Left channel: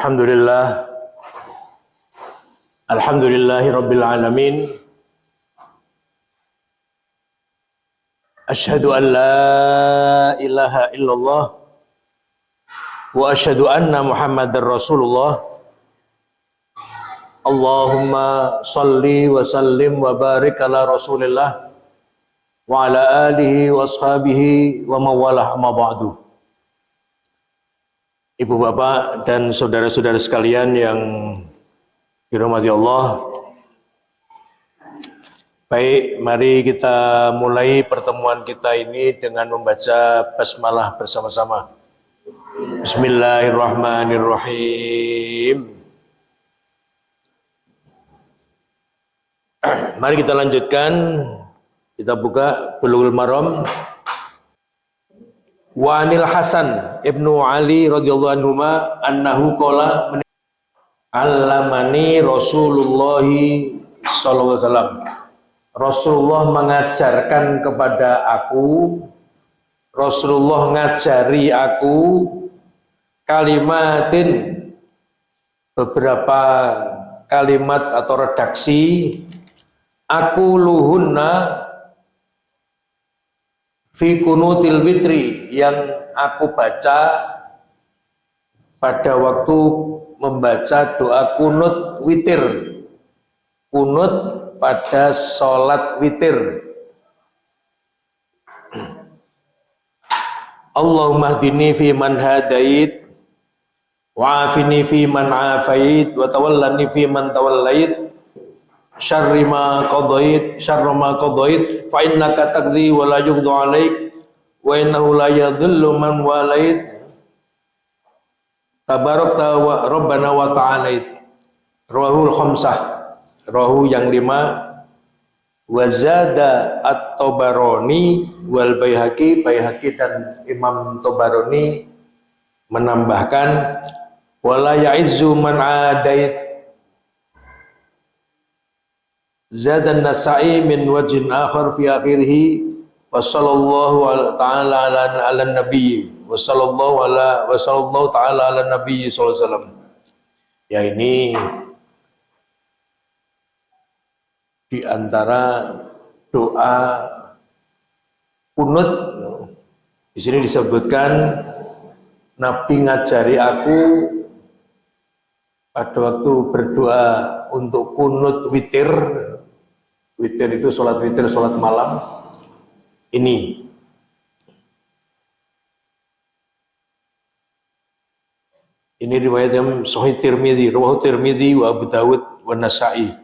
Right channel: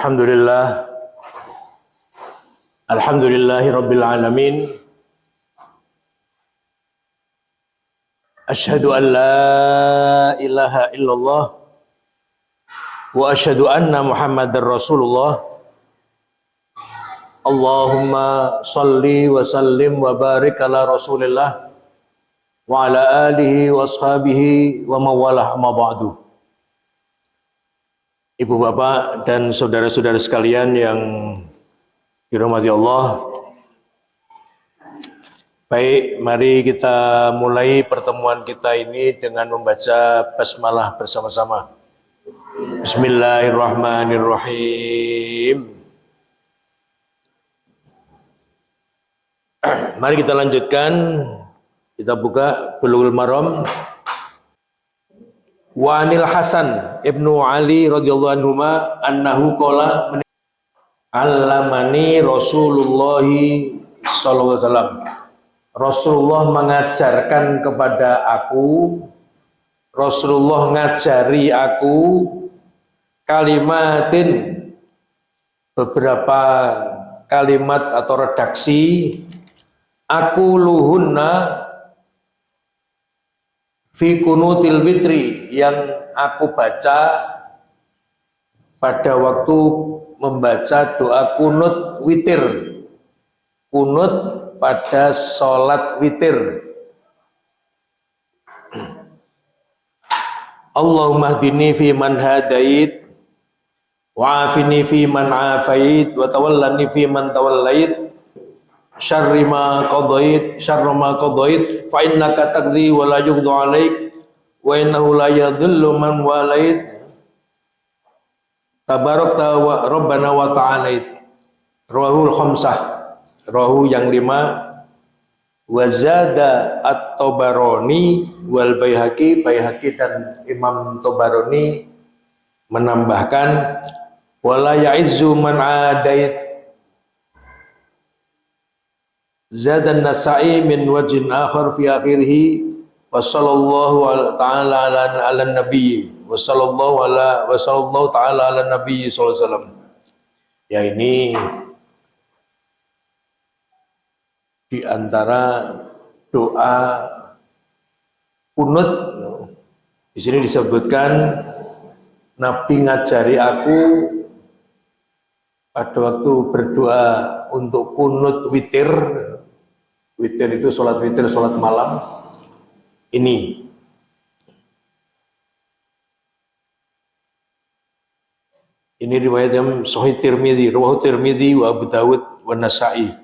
Alhamdulillah, alhamdulillahi rabbil alamin. Asyhadu an la ilaha illallah wa asyhadu anna Muhammadar Rasulullah. Allahumma salli wa sallim wa barik ala Rasulillah wa ala alihi wa ashabihi wa mawalah amma ba'du. Ibu bapak dan saudara-saudara sekalian yang dirahmati Allah. Baik, mari kita mulai pertemuan kita ini dengan membaca basmalah bersama-sama. Bismillahirrahmanirrahim. Mari kita lanjutkan. Kita buka Bulughul Maram. Wa anil Hasan ibnu Ali radhiyallahu anhuma annahu qala allamani Rasulullah sallallahu alaihi wasallam. Rasulullah mengajarkan kepada aku, Rasulullah ngajari aku kalimatin, beberapa kalimat atau redaksi, aku luhunna fi kunutil witri, yang aku baca pada waktu membaca doa kunut witir, kunut pada sholat witir. Allahumma hdini fi man hadait, wa afini fi man afait, wa tawallani fi man tawallait, syarri ma qadait, syarra ma qadait, fa innaka taqdi wa la yuqda alaik, wa innahu la yadhillu man walait, tabarakta wa rabbana wa ta'alait. Rawahul khamsah, rawahu yang 5, wa zada at-Tabarani wal Baihaqi, Baihaqi dan Imam Tabarani menambahkan wala ya'izzu man adait. Zadan Nasa'i min wajhin akhar fi akhirih wa sallallahu ta'ala ala nabi wa sallallahu ta'ala ala nabi sallallahu alaihi wasallam. Ya, ini di antara doa kunut. Di sini disebutkan Nabi ngajari aku pada waktu berdoa untuk kunut witir. Witir itu sholat witir, sholat malam. Ini riwayat yang Sahih Tirmidzi, rawahu Tirmidzi wa Abu Dawud wa Nasa'i.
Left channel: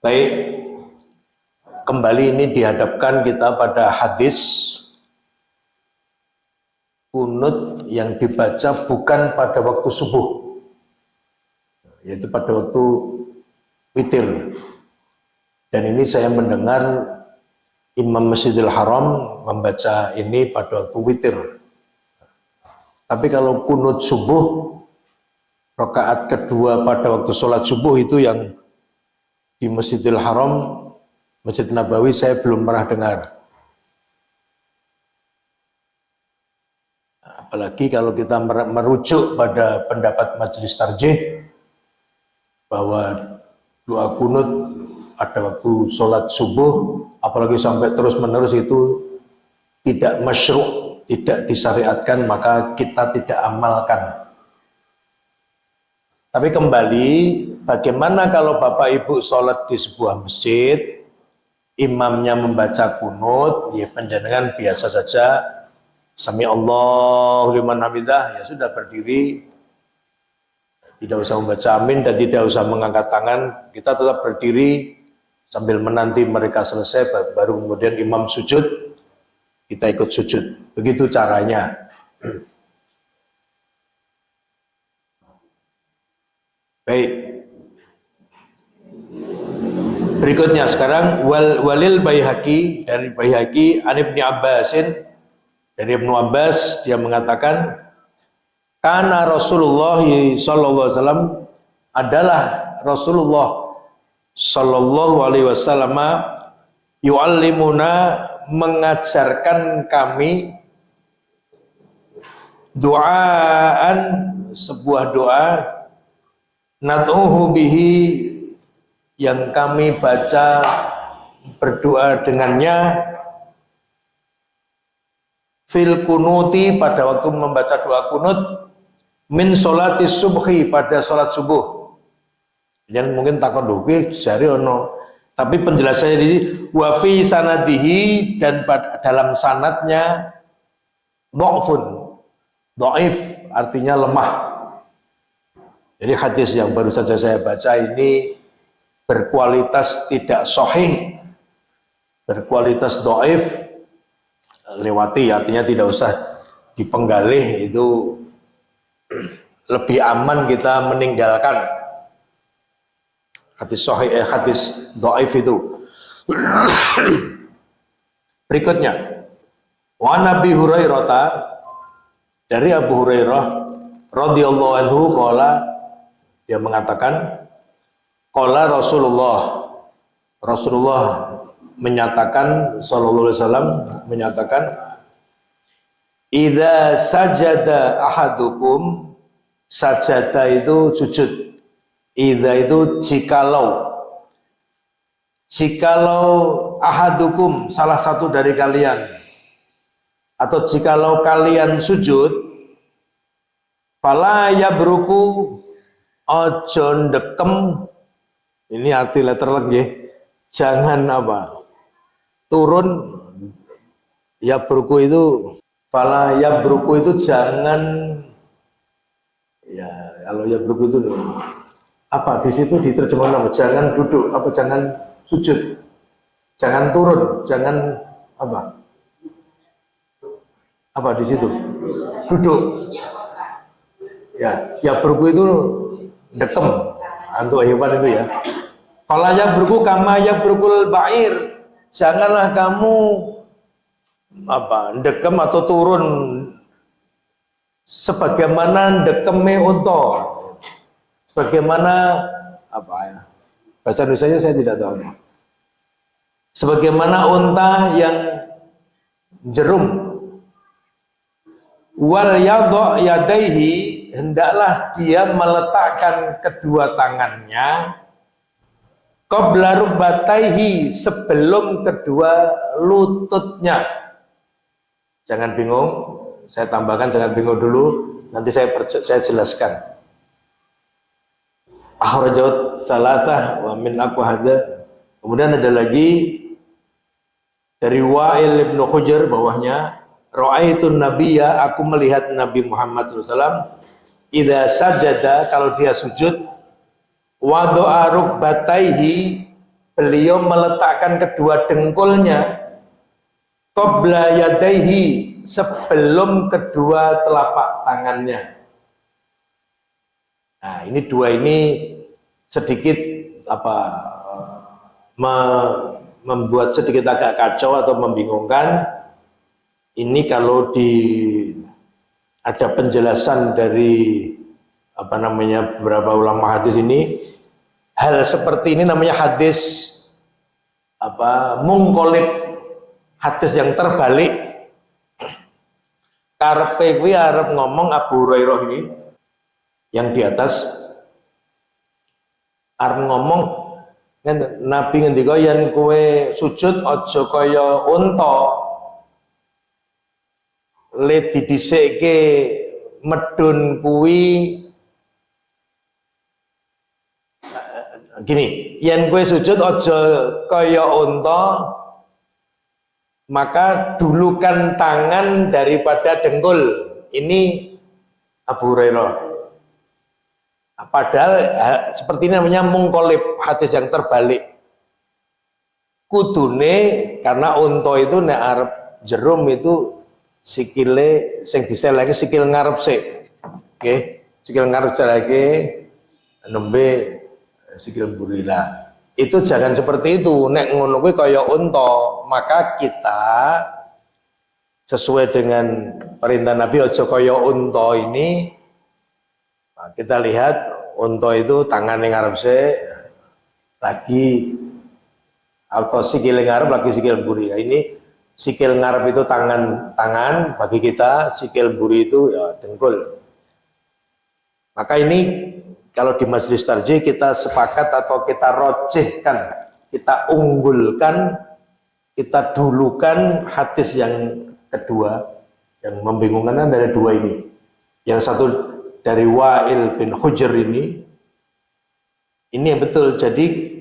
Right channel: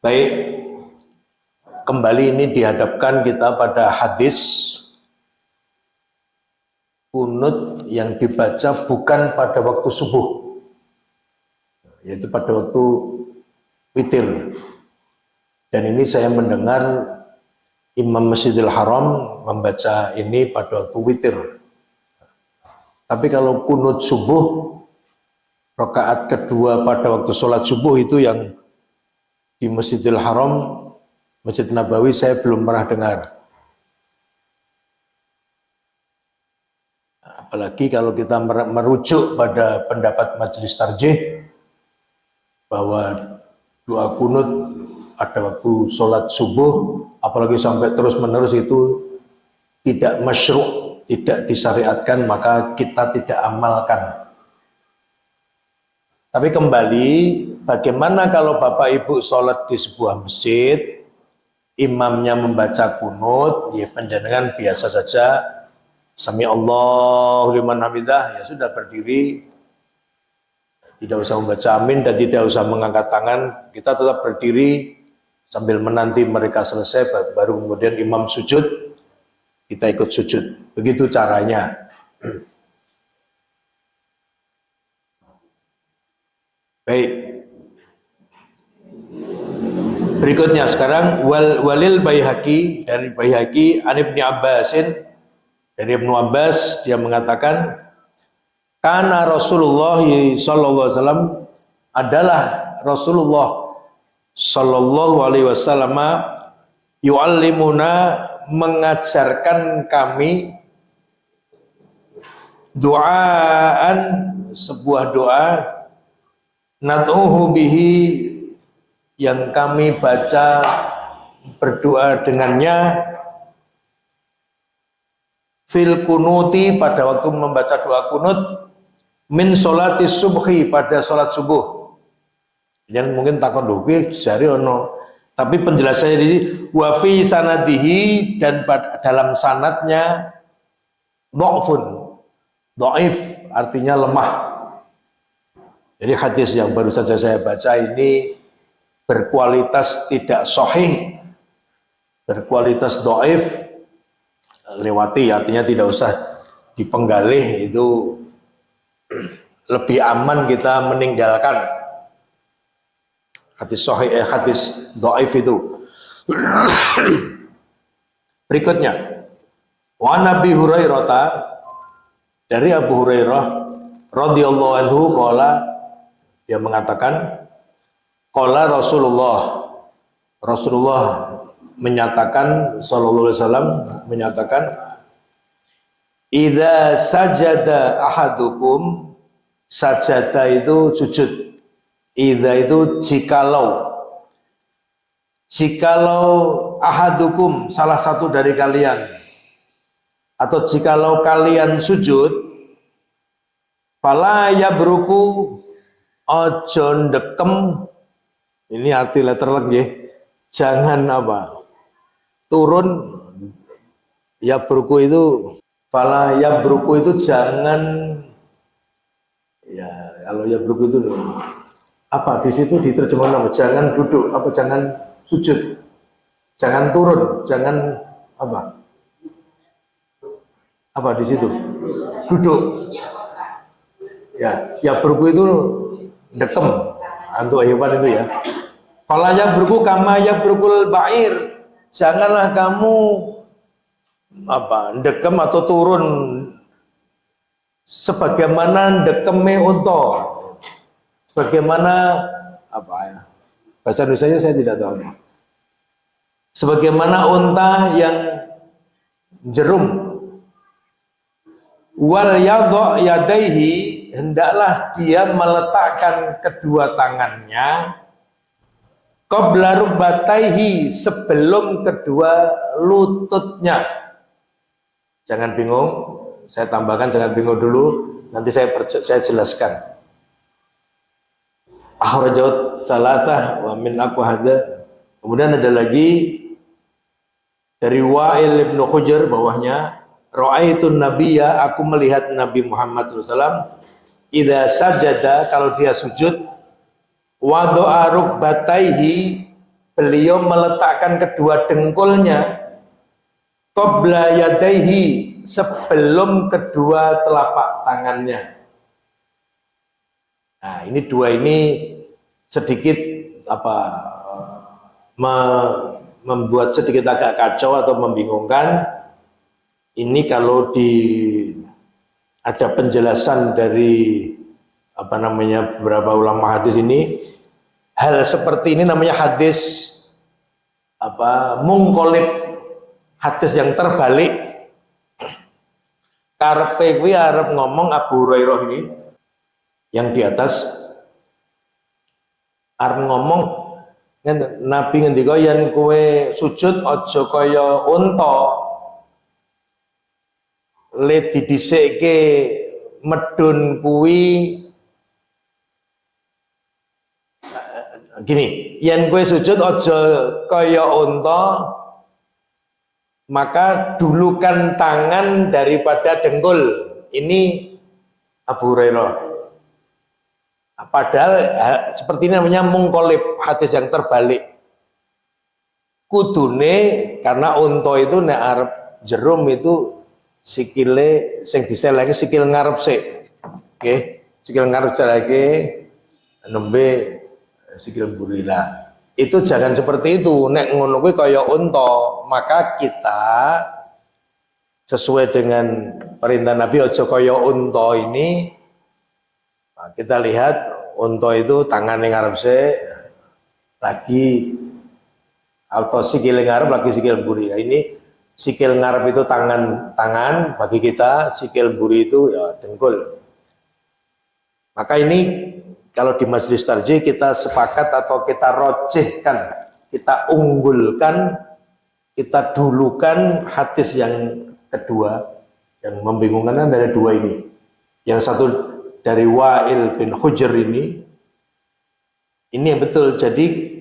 Baik, kembali ini dihadapkan kita pada hadis kunut yang dibaca bukan pada waktu subuh, yaitu pada waktu witir. Dan ini saya mendengar Imam Masjidil Haram membaca ini pada waktu witir. Tapi kalau kunut subuh, rakaat kedua pada waktu sholat subuh, itu yang di Masjidil Haram, Masjid Nabawi, saya belum pernah dengar. Apalagi kalau kita merujuk pada pendapat Majelis Tarjih bahwa doa kunut pada waktu sholat subuh, apalagi sampai terus menerus, itu tidak masyru', tidak disyariatkan, maka kita tidak amalkan. Tapi kembali, bagaimana kalau Bapak Ibu sholat di sebuah masjid, imamnya membaca kunut, ya panjenengan biasa saja, Sami Allahu liman hamidah, ya sudah berdiri, tidak usah membaca amin dan tidak usah mengangkat tangan, kita tetap berdiri sambil menanti mereka selesai, baru kemudian imam sujud, kita ikut sujud. Begitu caranya. Baik. Berikutnya sekarang walil Baihaqi, dari Baihaqi an Ibnu Abbasin, dari Ibnu Abbas, dia mengatakan kana Rasulullah sallallahu alaihi wasallam, adalah Rasulullah sallallahu alaihi wasallam yu'allimuna, mengajarkan kami Doaan, sebuah doa, nad'uhu bihi, yang kami baca berdoa dengannya, fil kunuti, pada waktu membaca doa kunut, min sholati subhi, pada sholat subuh. Yang mungkin takut doa jari ono, tapi penjelasannya ini wa fi sanadihi, dan dalam sanadnya dha'fun, dhaif artinya lemah. Jadi hadis yang baru saja saya baca ini berkualitas tidak sahih, berkualitas dhaif, lewati, artinya tidak usah dipenggalih, itu lebih aman kita meninggalkan hadis sahih, hadis dhaif itu. Berikutnya, wa Nabi Hurairah, dari Abu Hurairah radhiyallahu anhu, qala, dia mengatakan, qala Rasulullah menyatakan, sallallahu alaihi wasallam menyatakan, idza sajada ahadukum, sajada itu sujud, idza itu jikalau ahadukum, salah satu dari kalian, atau jikalau kalian sujud, fala yabruku, ojo ndekem, ini arti letterlek ya, jangan apa, turun, yabruku itu, fala yabruku itu jangan, ya kalau yabruku itu apa, di situ diterjemahkan apa, jangan duduk, apa jangan sujud, jangan turun, jangan apa di situ, duduk. Ya, yabruku itu dekem, untuk hewan itu ya. Fala yabruku kama yabrukul ba'ir, janganlah kamu dekem atau turun sebagaimana dekeme unta, sebagaimana bahasa Indonesia saya tidak tahu, sebagaimana unta yang jerum. Wal yadha yadaihi, hendaklah dia meletakkan kedua tangannya, qabla rukbataihi, sebelum kedua lututnya. Jangan bingung, saya tambahkan, jangan bingung dulu, nanti saya jelaskan. Akhrajahu tsalatsah wa min aqwahada. Kemudian ada lagi dari Wa'il bin Hujr, bawahnya, ra'aitun nabiyya, aku melihat Nabi Muhammad SAW, idza sajada, kalau dia sujud, wada'a rukbataihi, beliau meletakkan kedua dengkulnya, qabla yadaihi, sebelum kedua telapak tangannya. Nah, ini dua ini sedikit membuat sedikit agak kacau atau membingungkan. Ini kalau ada penjelasan dari beberapa ulama hadis ini, hal seperti ini namanya hadis mungkolib, hadis yang terbalik. Karepe kuwi arep ngomong Abu Hurairah ini yang di atas, arep ngomong Nabi ngendika yen kowe sujud aja kaya unta le didhisikke medun kuwi, gini, yen kowe sujud aja kaya unta, maka dulukan tangan daripada dengkul. Ini Abu Hurairah. Padahal seperti ini namanya mungkolib, hadis yang terbalik. Kudune, karena unta itu nek arep jerum itu sikile sing diseleke sikil ngarep sik. Nggih, sikil ngarep seleke nembe sikil burila. Itu jangan seperti itu. Nek ngono kuwi kaya unta, maka kita sesuai dengan perintah Nabi aja kaya unta ini. Nah, kita lihat unta itu tangannya ngarep sik, lagi atau sikil ngarep lagi sikil burila. Ini sikil ngarep itu tangan bagi kita, sikil buri itu ya dengkul. Maka ini kalau di majelis tarjih kita sepakat atau kita rojihkan, kita unggulkan, kita dulukan hadis yang kedua, yang membingungkan dari dua ini. Yang satu dari Wa'il bin Hujr ini yang betul. Jadi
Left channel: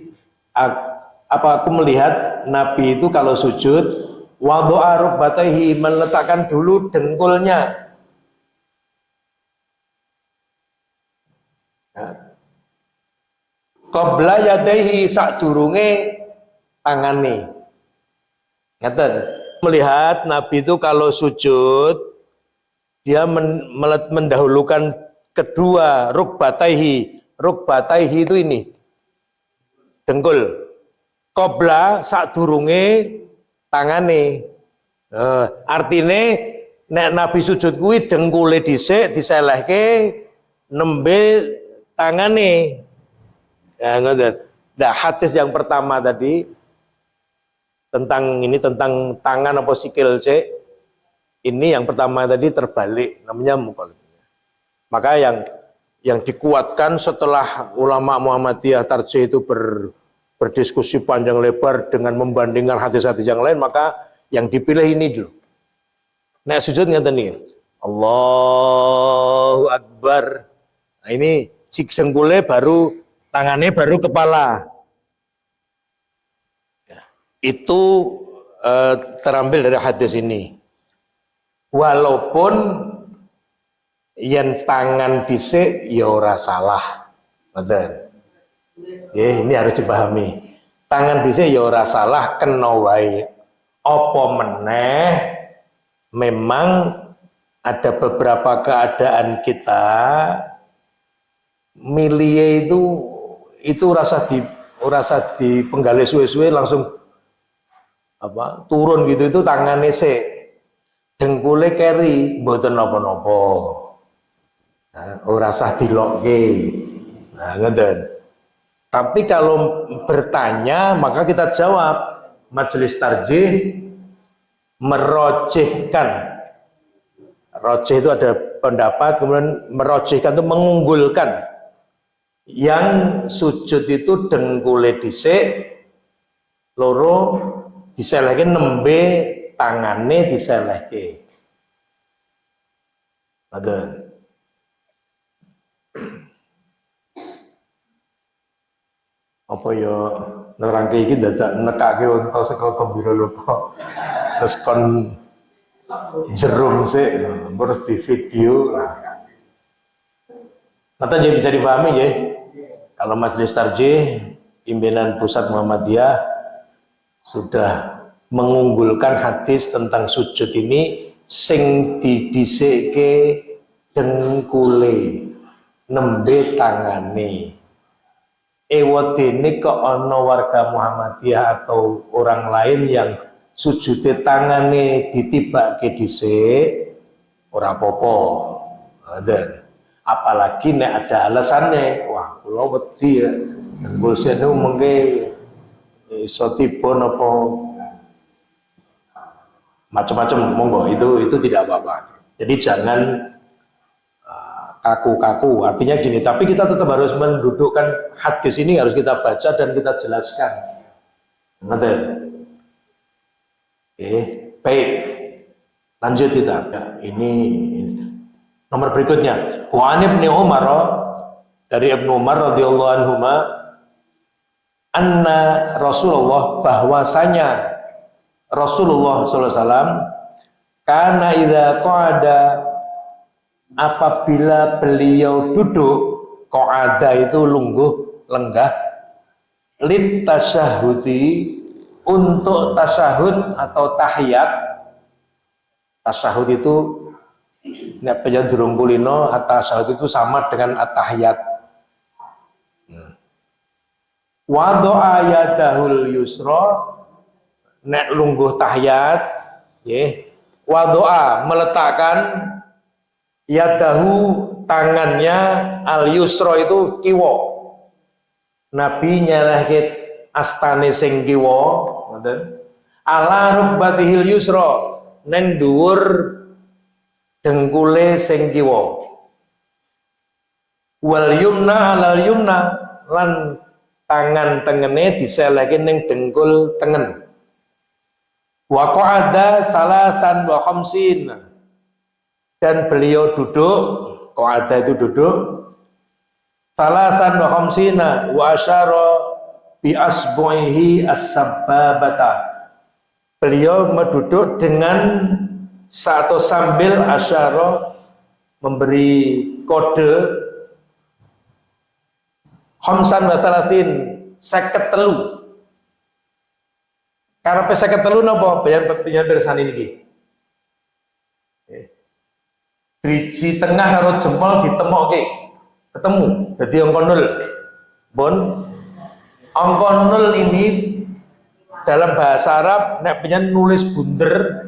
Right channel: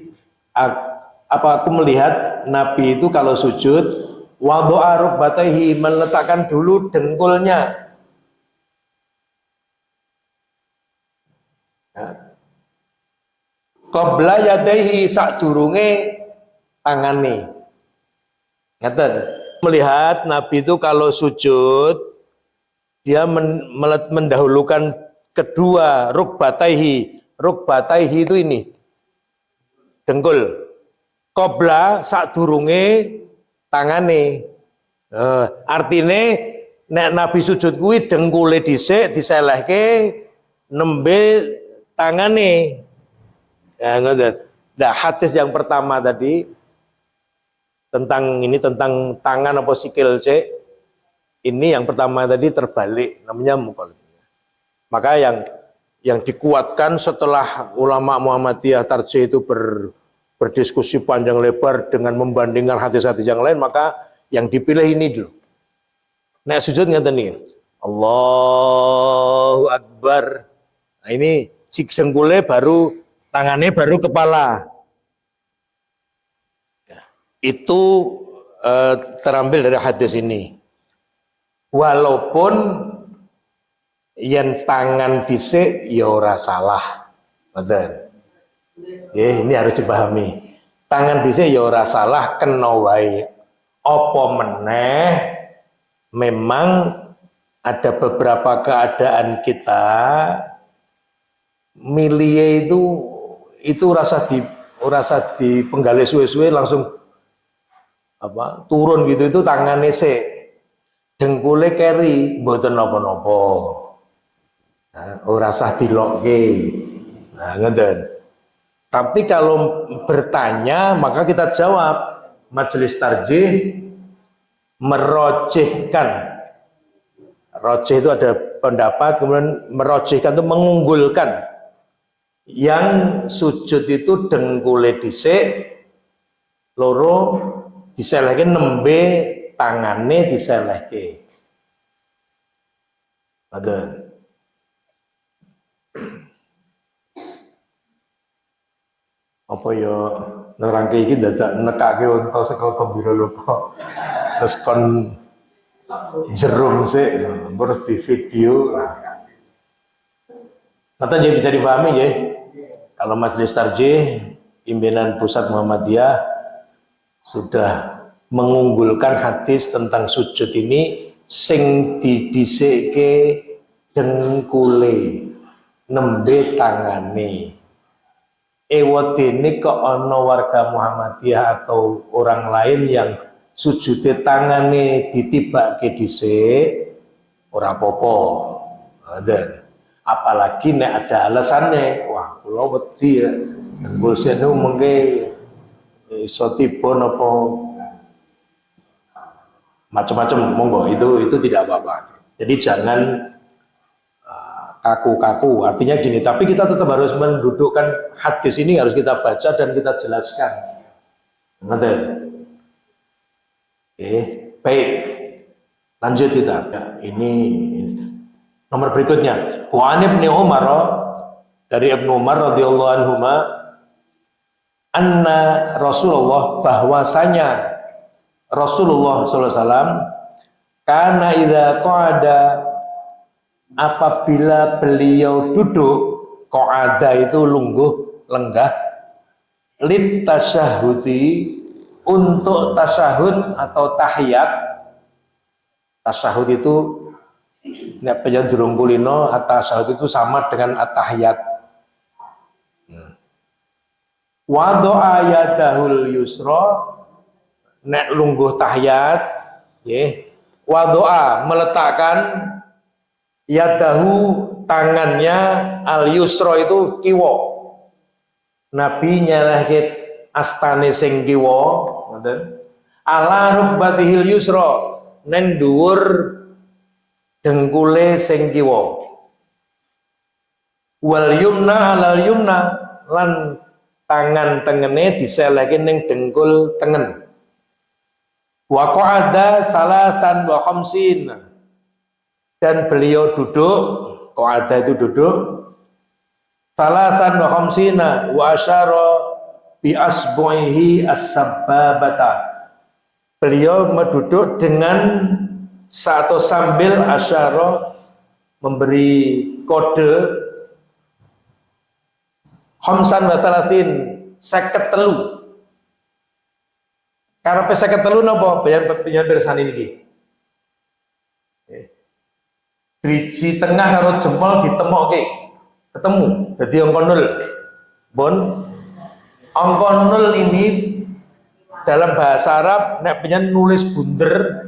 aku melihat Nabi itu kalau sujud wadha'a rukbatayhi, meletakkan dulu dengkulnya. Qabla yadaihi, sadurunge tangane. Ngeten. Melihat Nabi itu kalau sujud dia mendahulukan kedua rukbatayhi. Rukbatayhi itu ini dengkul. Qabla sadurunge tangane. Artine nek Nabi sujud kuwi dengkule dhisik diselehke nembe tangane. Ya, nah, hadis yang pertama tadi tentang tangan apa sikil cek, ini yang pertama tadi terbalik, namanya mukallaf. Maka yang dikuatkan setelah ulama Muhammadiyah tarjih itu berdiskusi panjang lebar dengan membandingkan hadis-hadis yang lain, maka yang dipilih ini dulu. Nek sujud ngeten nih, Allahu Akbar. Nah, ini dengkule baru tangannya baru kepala. Itu terambil dari hadis ini. Walaupun yang tangan dhisik ya ora salah. Betul. Ini harus dipahami. Tangan dhisik ya ora salah, kena wae. Apa meneh memang ada beberapa keadaan kita milie itu rasa di penggali suwe-suwe langsung turun gitu, itu tangannya sik dengkule keri mboten napa-napa. Ora sah dilokke. Nah, ngeten. Tapi kalau bertanya maka kita jawab, majelis tarjih merojihkan. Rojih itu ada pendapat, kemudian merojihkan itu mengunggulkan. Yang sujud itu dengkule dhisik, loro diselehke, nembe tangane diselehke. Ada. Apa ya nerangke iki dadak nekake unta saka gembira lupa. Terus kon jerum sik terus di video. Kata jadi bisa dipahami ya. Kalau majelis tarjih pimpinan pusat Muhammadiyah sudah mengunggulkan hadis tentang sujud ini sing didhisikke dengkule nembe tangane. Ewedene kok ana warga Muhammadiyah atau orang lain yang sujude tangane ditibake dhisik ora apa-apa. Apalagi nek ada alasannya, wah kula wedi dengkul senu mengke iso tiba napa macam-macam, monggo itu tidak apa-apa. Jadi jangan kaku-kaku. Artinya gini, tapi kita tetap harus mendudukkan hadis ini, harus kita baca dan kita jelaskan. Ngerti? Baik. Lanjut kita. Ya, ini nomor berikutnya. Wa an Ibnu Umar, dari Ibnu Umar radhiyallahu anhuma, anna Rasulullah, bahwasanya Rasulullah sallallahu alaihi wasallam kana idza qa'ada, apabila beliau duduk, qa'ada itu lungguh, lenggah, lit tasyahudi, untuk tasyahud atau tahiyat. Tasyahud itu nek penjajah durung kulino, at-tasyahud itu sama dengan at-tahiyat. Wa do'a yadahul yusra, nek lungguh tahiyat, nggih, wa do'a meletakkan yadahu tangannya, al yusra itu kiwa. Nabi nyelehke astane sing kiwa, ngoten. ala rukbatihil yusra neng dhuwur dengkule sing kiwa, wal yumna alal yumna lan tangan tengene diselehke ning dengkul tengen. Wa qa'ada salasan wa khamsin, dan beliau duduk, qa'ada itu duduk, salasan wa khamsina wa asyara bi asbu'ihi as-sabbabata. Beliau duduk dengan satu sambil asyara memberi kode khamsan wa salasin 53. Karepe 53 napa? Bayan pirsani niki. Driji tengah karo jempol ditemokke. Ketemu. Dadi angka 0. Bon. Angka 0 ini dalam bahasa Arab nek penyen nulis bunder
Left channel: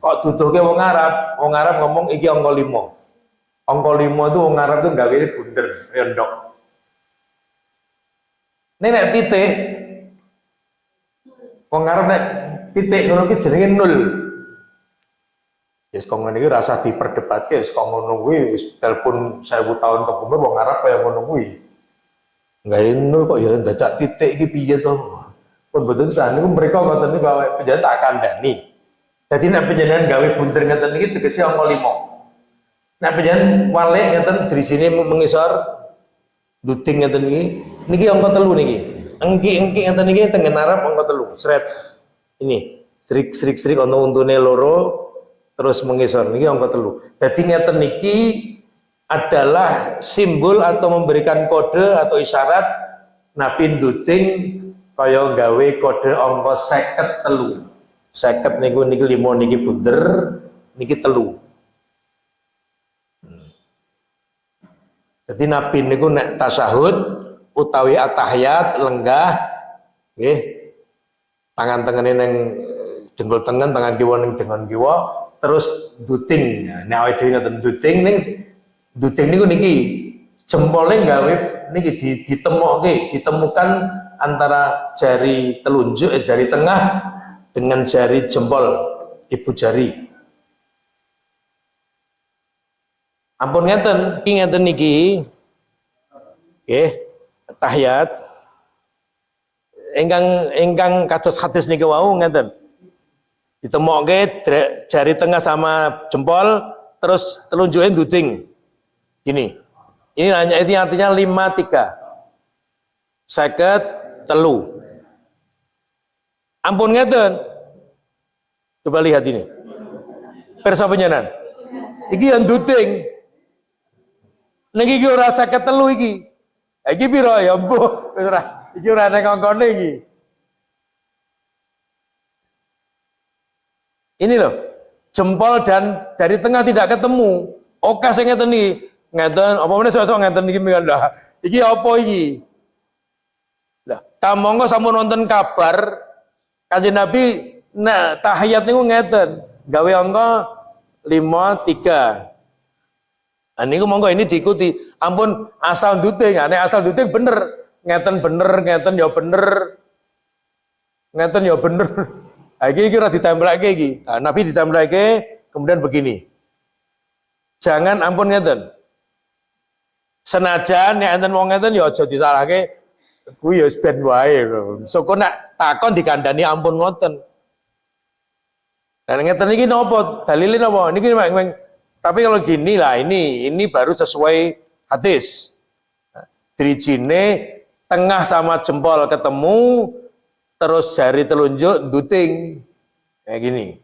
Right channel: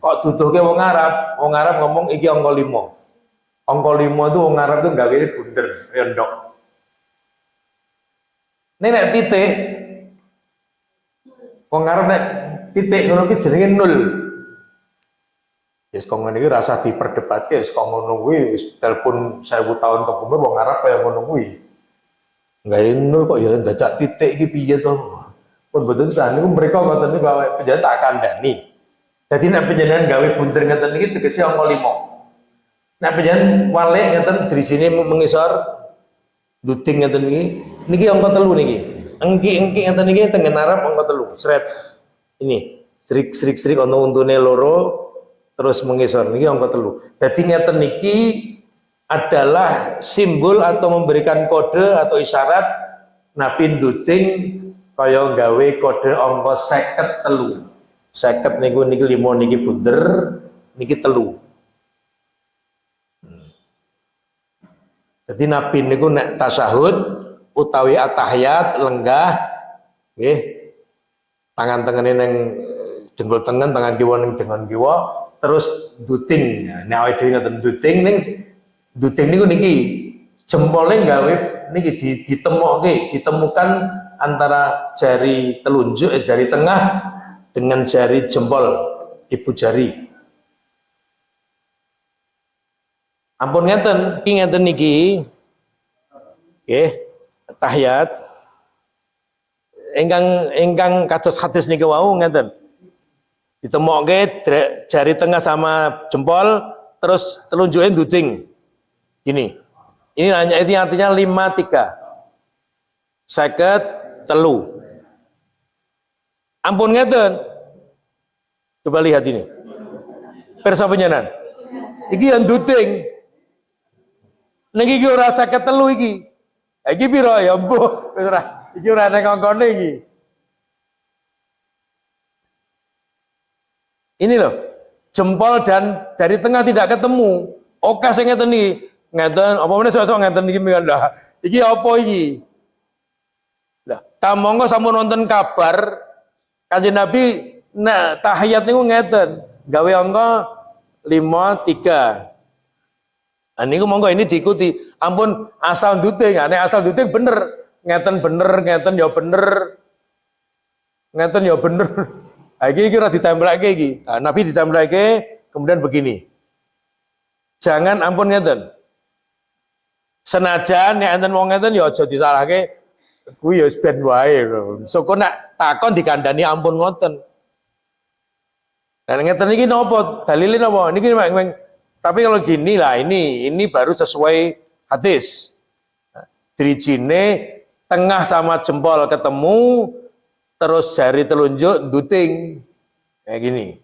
kok duduhke wong Arab ngomong iki angka 5. Angka 5 itu wong Arab itu gawe bunder, ya ndok. Nek titik wong Arab nek titik ngono ki jenenge 0. Wis kok ngene iki rasa diperdebatke, wis kok ngono kuwi wis telepon 1000 tahun kepungkur wong Arab kaya ngono kuwi. Gawe 0 kok ya dadak titik iki piye to? Pun betul sah niku mereka ngoten niku gawe penjenengan tak kandhani. Dadi nek penjenengan gawe bunder ngeten iki tegese angka 5. Nek penjenengan walik ngeten drisine mengisor duting ngeten niki angka 3 niki. Engki-engki ngeten iki teng Arab angka 3. Sret. Ini srik-srik ana untune loro terus mengisor niki angka 3. Dadi ngeten niki adalah simbol atau memberikan kode atau isyarat Nabi duting kaya gawe kode angka 53. 50 niku niki 5 niki bunder, niki 3. Jadi Nabi niku nek tasyahud utawi atahiyat lenggah nggih tangan tengene ning dengkul tengen, tangan kiwa ning dengkul kiwa, terus duting. Nek awake dhewe ngoten duting niku niki jempole gawe niki ditemukan antara jari telunjuk jari tengah dengan jari jempol ibu jari. Ampun ngeten niki nggih tahiyat ingkang kados hadis niki wau ngeten. Ditemokke jari tengah sama jempol terus telunjuke duting. Gini. Ini hanya itu artinya 53. 53. Ampun ngeten. Coba lihat ini. Pirsa panjenengan. Iki yang duting. Niki iki ora 53 iki. Iki piro ya mbuh, wis ora. Iki ora nek angkane iki. Ini loh. Jempol dan dari tengah tidak ketemu. Oke sing ngeten iki. Ngeten apa meneh sok-sok ngeten iki lah. Iki apa iki? Lah, kamangka sampun nonton kabar Kanjeng Nabi nah tahiyat niku ngeten, gawe angka 53. Nah niku monggo ini diikuti. Ampun asal duting, nek asal duting bener, ngeten ya bener. Ngeten ya bener. Iki ora ditembelake iki. Nah, Nabi ditembelake kemudian begini. Jangan ampun ngeten. Senajan nek enten wong ngeten ya aja disalahke kuwi ya ben wae lho. Soko nek takon dikandani ampun ngoten. Lah ngeten iki napa? Dalile napa? Niki tapi kalau gini lah ini baru sesuai hadis. Drijine tengah sama jempol ketemu terus jari telunjuk duting. Kayak gini.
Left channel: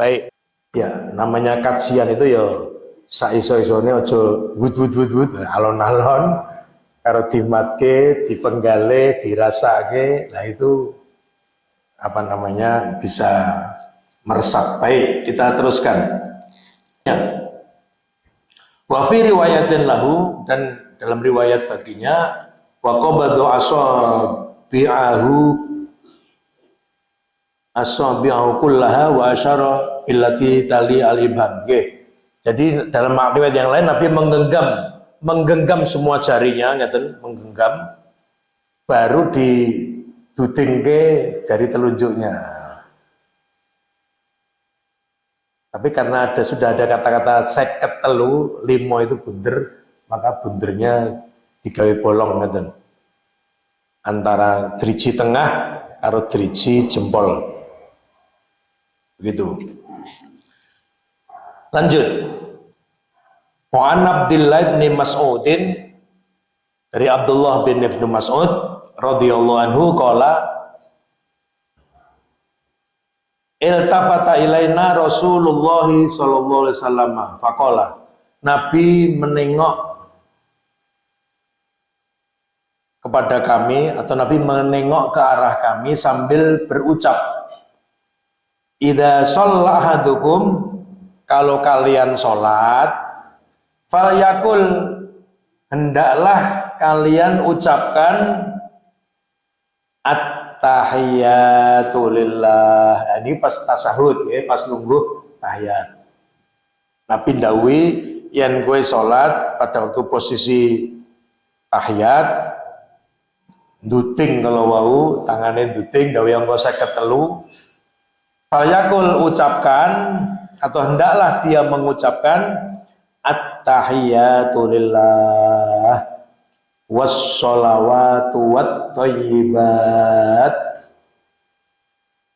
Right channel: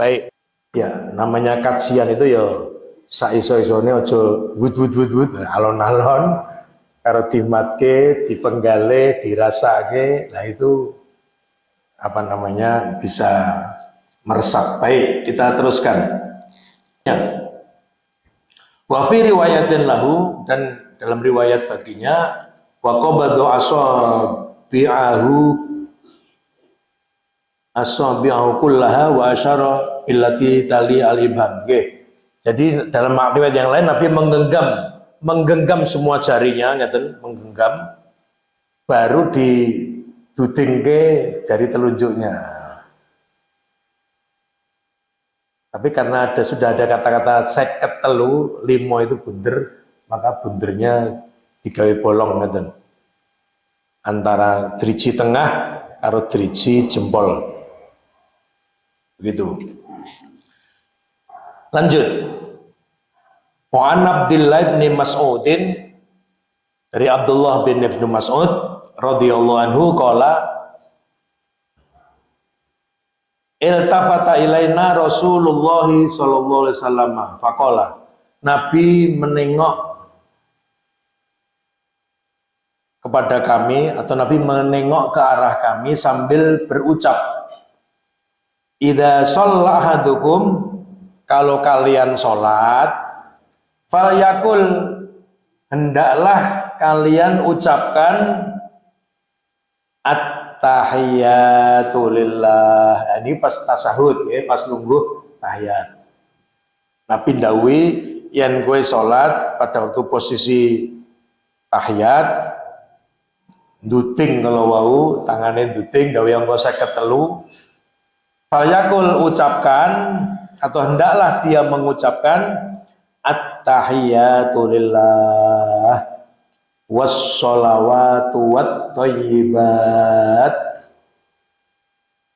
Baik. Ya, namanya kajian itu ya saiso-isone aja wud alon-alon karo dimatke, dipenggale, dirasake, nah itu apa namanya bisa meresap. Baik, kita teruskan. Ya. Wa fi riwayatin lahu, dan dalam riwayat baginya wa qabadu asabi'ahu kullaha wa asyara illati tali al-ibham. Jadi dalam riwayat yang lain Nabi menggenggam semua jarinya, ngeten, menggenggam, baru dudingke jari telunjuknya. Tapi karena sudah ada kata-kata seket telu, limo itu bunder, maka bundernya digawe bolong ngeten. Antara driji tengah karo driji jempol. Begitu. Lanjut. Wa an Abdillah bin Mas'udin, dari Abdullah bin Ibnu Mas'ud radhiyallahu anhu qala iltafata ilaina Rasulullah sallallahu alaihi wasallam faqala, Nabi menengok kepada kami atau Nabi menengok ke arah kami sambil berucap, idza shalla ahadukum, kalau kalian sholat, falyakul, hendaklah kalian ucapkan at-tahiyatu lillah. Ini pas tasyahud ya, pas lungguh tahiyat. Nabi dawuhi yen kowe salat pada waktu posisi tahiyat duting, kalau wau tangane duting gawe angka 53, falyakul, ucapkan atau hendaklah dia mengucapkan at-tahiyatu lillah was-sholawatu wat-thayyibat,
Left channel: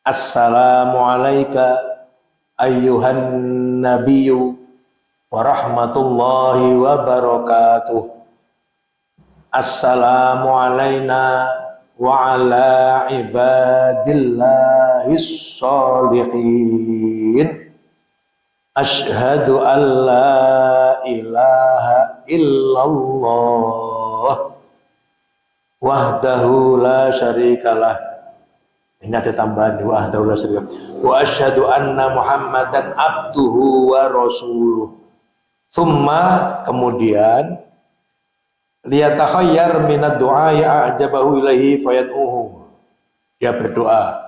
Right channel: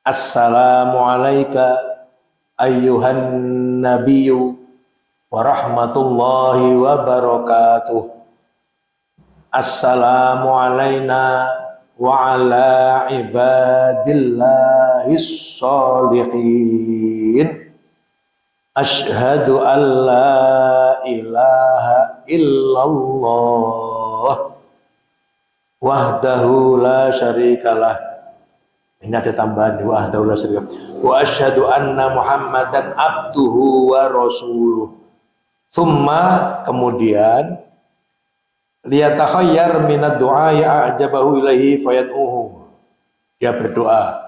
assalamu alayka ayyuhan nabiyyu wa rahmatullahi wa barakatuh, assalamu alayna wa ala ibadillahis sholihin, asyhadu an la ilaha illallah wahdahu la syarikalah. Ini ada tambahan wahdahu la syarikalah. Wa asyhadu anna Muhammadan abduhu wa rasuluh. Thumma, kemudian liyatakhayyar minad du'a ya'jabahu ilaihi fayad'uhu. Dia berdoa.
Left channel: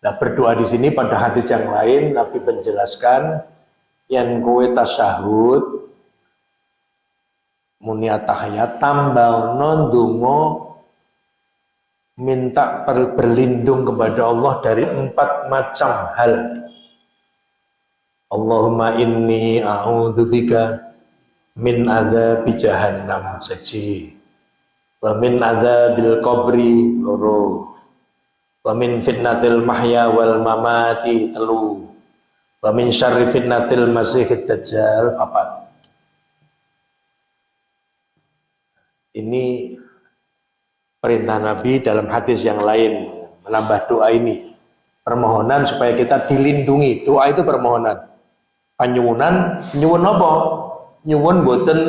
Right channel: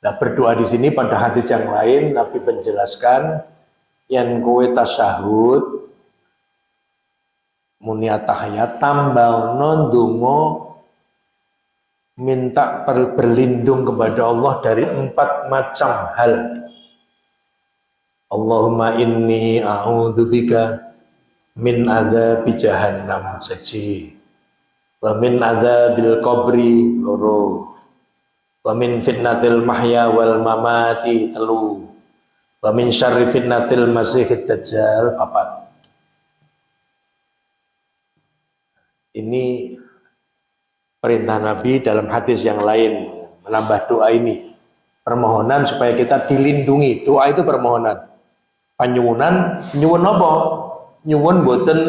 Nah, berdoa di sini pada hadis yang lain Nabi menjelaskan yang kowe tasyahud muni tahiyat tambahno ndonga minta berlindung kepada Allah dari 4 macam hal. Allahumma inni a'udzubika min adzabi jahannam saji, wa min adzabil qabri loro, wa min fitnatil mahya wal mamati telu, wa min syarri fitnatil masihid dajjal 4. Ini perintah Nabi dalam hadis yang lain, menambah doa ini. Permohonan supaya kita dilindungi. Doa itu permohonan. Panyuwunan, nyuwun apa? Nyuwun boten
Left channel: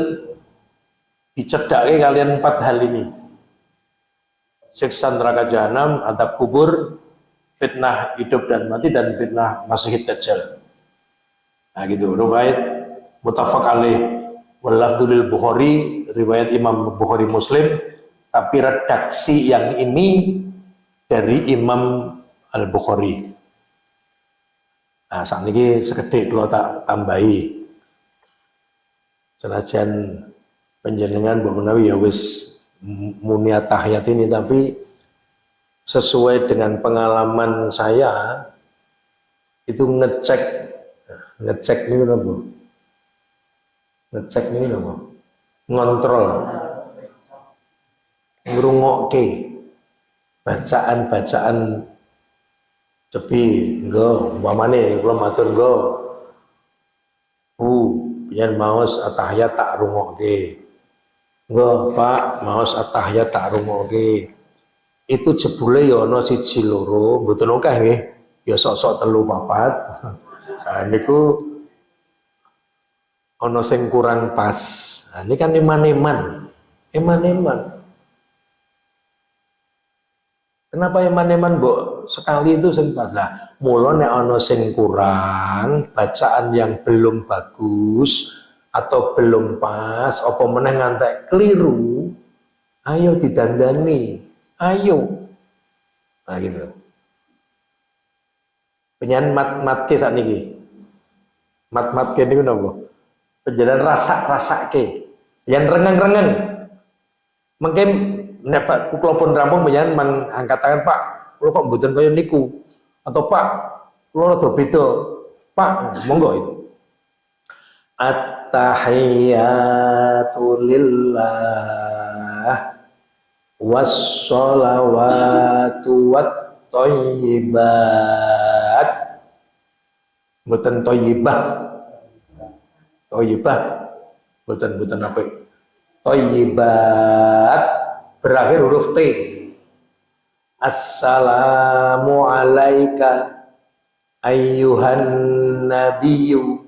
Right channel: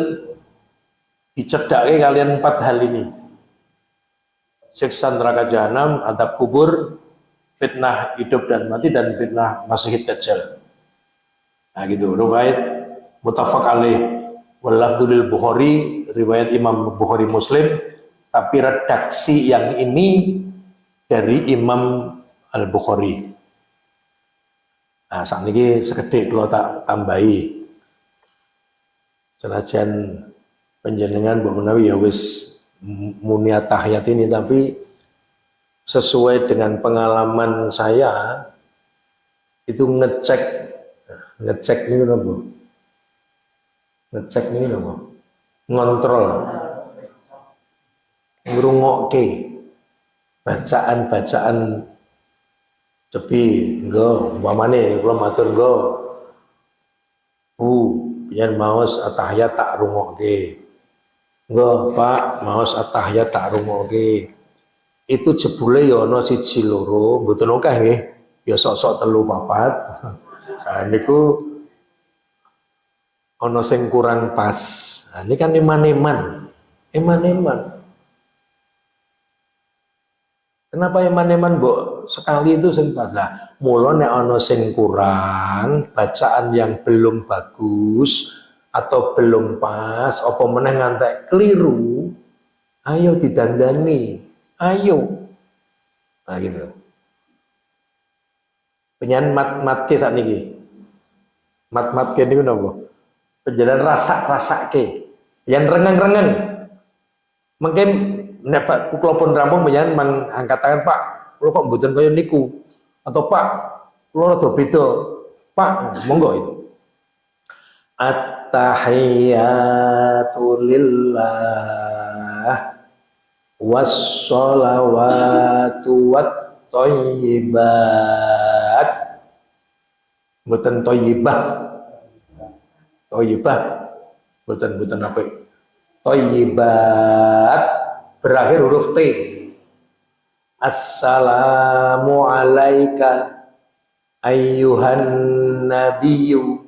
dicedhake kalian 4 hal ini. Siksa neraka jahanam, adab kubur, fitnah hidup dan mati, dan fitnah masihid dajjal. Nah gitu, riwayat muttafaq alaih wal lafdzu lil Bukhari, riwayat Imam Bukhari Muslim, tapi redaksi yang ini dari Imam Al-Bukhari. Nah, saat ini sekedhik kalau tak tambahi. Senajan panjenengan mbok menawi ya wis muni tahiyat ini, tapi sesuai dengan pengalaman saya itu ngecek ini apa? Ngecek ini apa? Ngontrol, ngrungokke bacaan-bacaan cepi nggo umpamane kula matur nggo yen maos at-tahiyat tak rungokke, nggo Pak maos at-tahiyat tak rungokke, itu jebule ya ana 1 2 mboten akeh nggih, ya sok-sok 3 4. Nah niku ana sing kurang pas. Nah, ini kan iman-iman. Kenapa iman-iman mbok sekali itu sing pas? Lah, mula nek ana sing kurang, bacaan yang belum bagus atau belum pas, apa meneh ngantek keliru, ayo didandani. Ayo. Nah gitu. Penyan mat-mat ke sakniki. Mat-mat ke niku napa? Penjalan rasa-rasake. Yang rengeng-rengeng. Mungkin nek Pak kula pun rampung panjenengan mangangkat tangan, Pak, kula kok mboten kaya niku. Atau Pak, kula rada beda. Pak, monggo itu. At-tahiyyatu lillah was-shalawatu wat-thayyibat. Mboten thayyibah. Thayyibah. Mboten apa. Thayyibat berakhir huruf T. Assalamu alaika ayyuhan nabiyyu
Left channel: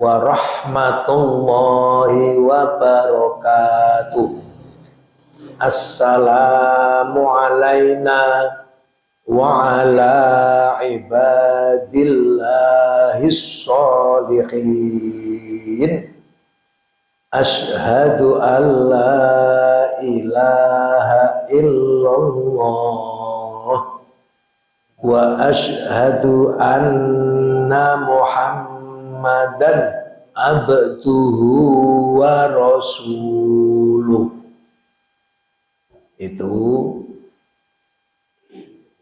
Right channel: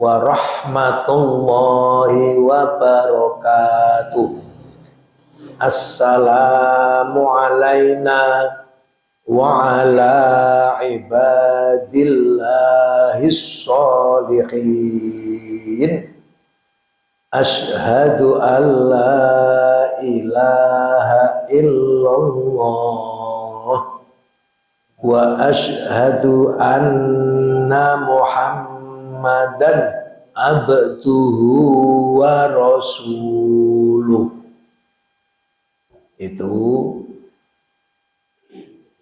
wa rahmatullahi wa barakatuh. Assalamu alaina wa ala ibadillahis sholihin. Asyhadu an la ilaha illallah wa asyhadu anna Muhammadan abduhu wa rasuluh. Itu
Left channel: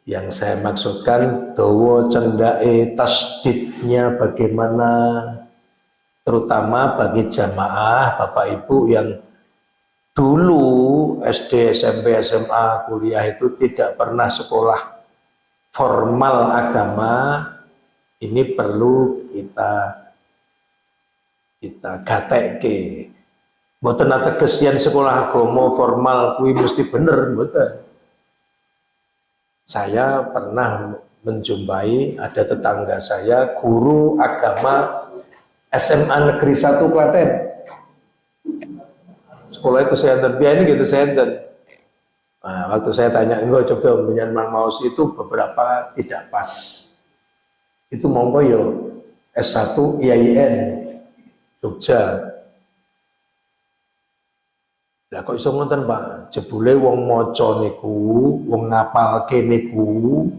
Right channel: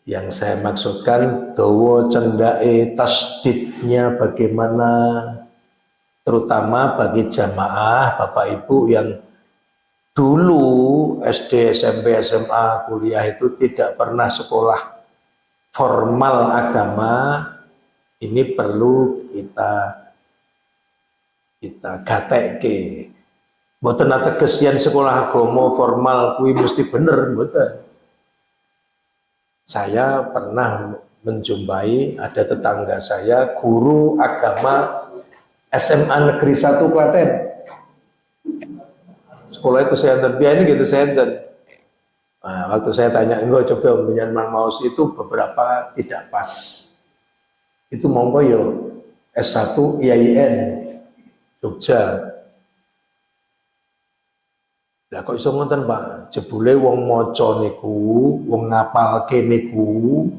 yang saya maksudkan, dawa cendake tasdidnya bagaimana, terutama bagi jamaah Bapak Ibu yang dulu SD, SMP, SMA, kuliah itu tidak pernah sekolah formal agama. Ini perlu kita gatekke. Mboten ateges yen sekolah agama formal kuwi mesti bener, mboten. Saya pernah menjumpai ada tetangga saya guru agama SMA Negeri 1 Klaten. Sekolah itu saya enten, ini gitu saya enten. Nah, waktu saya tanya, enggak coba menyanman maus itu beberapa tidak pas. Itu monggo yo S1 IAIN Jogja. Lah kok iso ngoten Pak? Jebule wong maca niku, wong ngapalke niku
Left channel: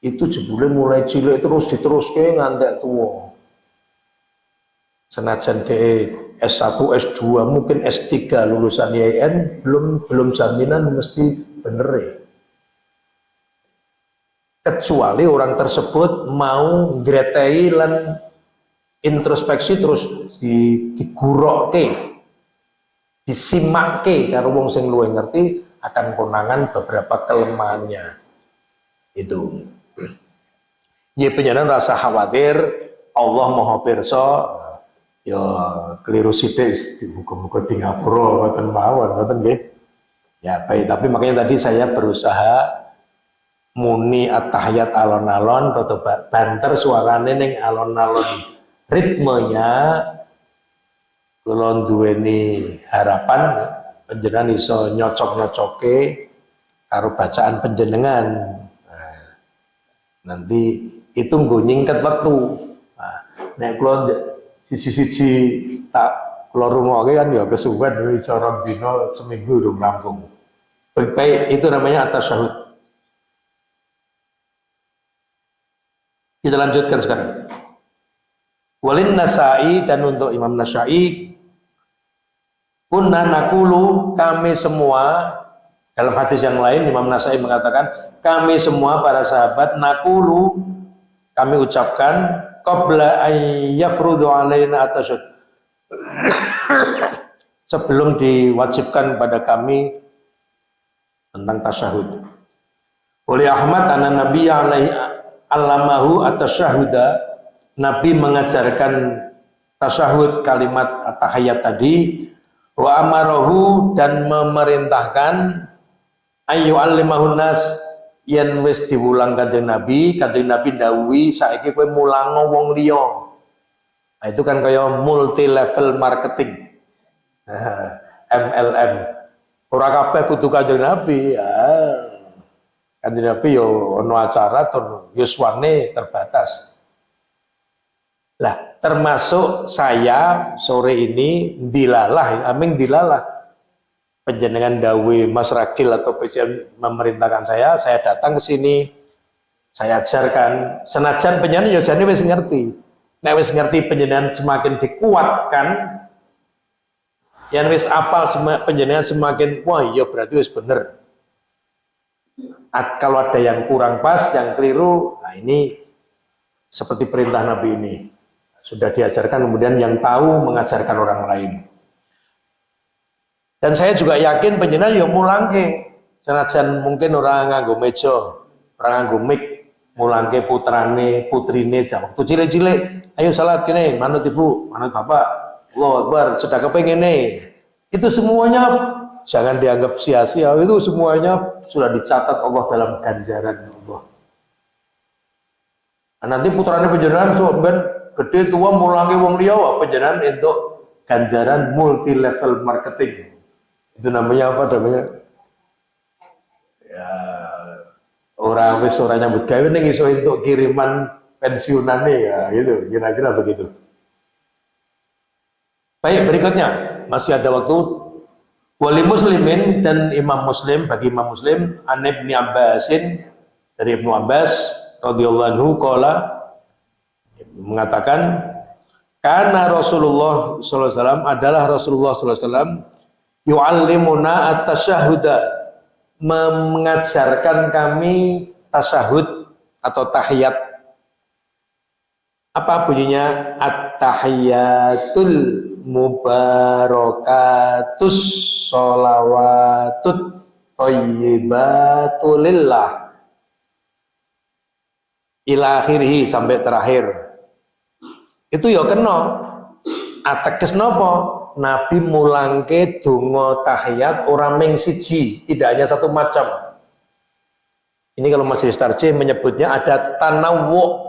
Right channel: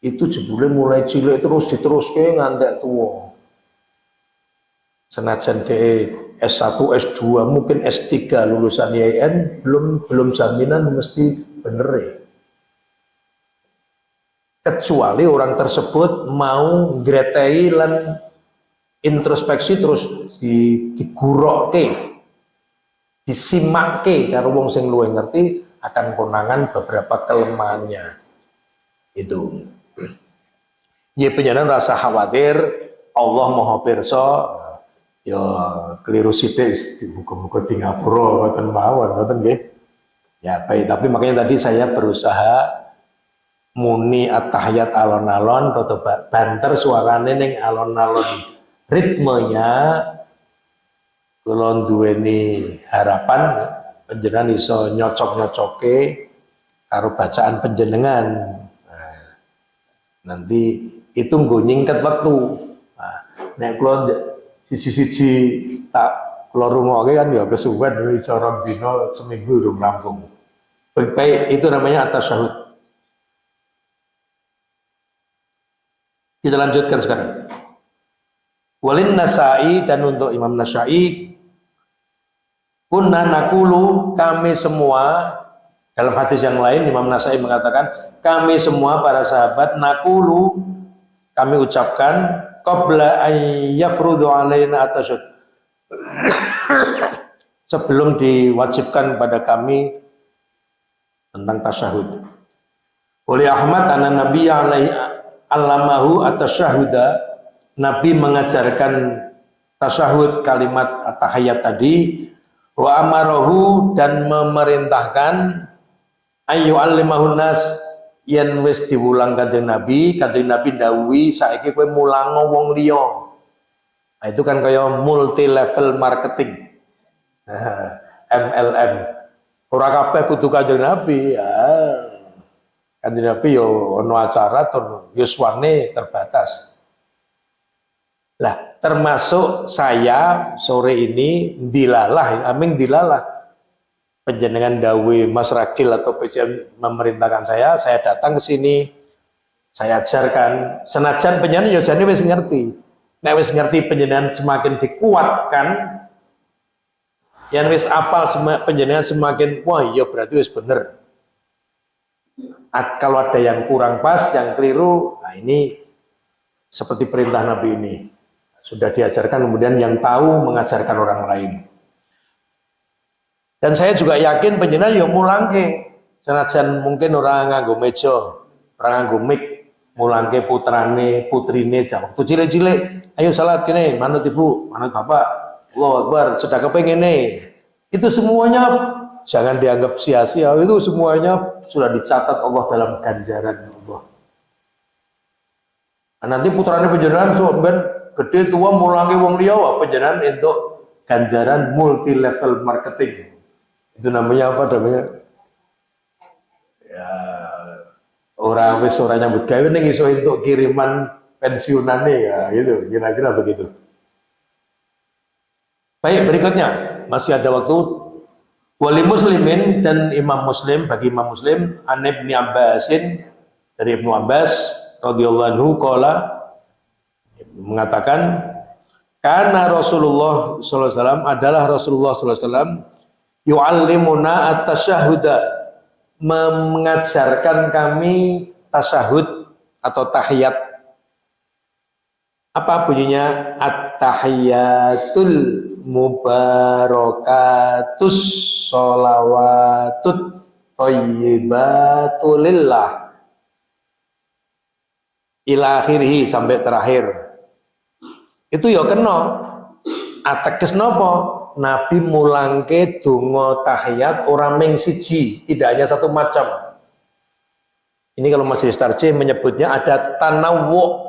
itu jebule mulai cilik terus diteruske ngantek tuwa. Senajan de S1, S2, mungkin S3 lulusan IAIN belum jaminan mesti bener ya. Kecuali orang tersebut mau ngretei lan introspeksi terus digurokke, disimakke karo wong sing luwih ngerti akan konangan beberapa kelemahannya. Itu. Ya panjenengan rasa khawatir, Allah Maha Pirsa. Ya keliru sithik muga-muga di ngapura ngoten mawon ngoten nggih. Ya baik, tapi makanya tadi saya berusaha muni at-tahiyat alon-alon atau banter suarane ning alon-alon, ritmenya kula duweni harapan panjenengan iso nyocok-nyocoke karo bacaan panjenengan. Nah, nanti itu nggo nyingket waktu. Nah, nek kula sisi-sisi tak kula rungokke kan ya kesuwen iso rong dina seminggu urung rampung. Baik, itu namanya at-tasyahud. Kita lanjutkan sekarang. Walin Nasa'i, dan untuk Imam Nasa'i, kunna nakulu, kami semua, dalam hadis yang lain Imam Nasa'i mengatakan, kami semua para sahabat nakulu, kami ucapkan qabla an yafrudu alaina at-tasyahud. Sebelum diwajibkan pada kami tentang tasyahud. Oleh Ahmad anna Nabi alaihi allamahu at-tasyahuda, Nabi mengajarkan tasyahud kalimat at-tahiyat tadi, wa amarahu, dan memerintahkan ayu alimahun nas, yen wis diwulang Kanjeng Nabi dawuhi saiki kowe mulango wong liya. Nah, itu kan kaya multi level marketing. MLM. Ora kabeh kudu Kanjeng Nabi. Ya. Kanjeng Nabi yo ono acara tur yuswane terbatas. Lah, termasuk saya sore ini dilalah, aming dilalah. Penjenengan dawe Mas Ragil atau PCM memerintahkan saya datang ke sini, saya ajarkan. Senajan penjenengan ya jane wis ngerti. Nek wis ngerti penjenengan semakin dikuatkan, Yang wis apal penjenengan semakin wah iya berarti wis bener. Kalau ada yang kurang pas, yang keliru, nah ini seperti perintah Nabi ini. Sudah diajarkan, kemudian yang tahu mengajarkan orang lain. Dan saya juga yakin penjenengan yang mulangke. Senajan mungkin orang nganggo meja, orang nganggo mic, mulangke putrane, putrine jam waktu cilik-cilik. Ayo salat kene, manut ibu, manut bapak. Allahu Akbar, sudah kepengen nih. Itu semuanya jangan dianggap sia-sia. Itu semuanya sudah dicatat Allah dalam ganjaran Allah. Nah, nanti putrane penjenengan ben gede tua mulangi wong liya penjenengan untuk ganjaran multi level marketing. Itu namanya apa namanya? Ya, orang wis ora nyambut gawe ning iso entuk kiriman pensiunane ya gitu, kira-kira begitu. Baik, berikutnya masih ada waktu. Wali muslimin dan imam muslim, bagi imam muslim an Ibnu Abbasin, dari Ibnu Abbas radhiyallahu anhu qala mengatakan karena Rasulullah sallallahu alaihi wasallam adalah Rasulullah sallallahu alaihi wasallam yu'allimuna at-tasyahhuda, mengajarkan kami tasyahud atau tahiyat. Apa bunyinya? At-tahiyatul mubarakatus sholawatut thayyibatulillah ila akhirih, sampai terakhir. Itu ya kena ateges napa? Nabi mulangke donga tahiyat orang ming siji, tidak hanya satu macam. Ini kalau Majelis Tarjih menyebutnya ada tanawwu.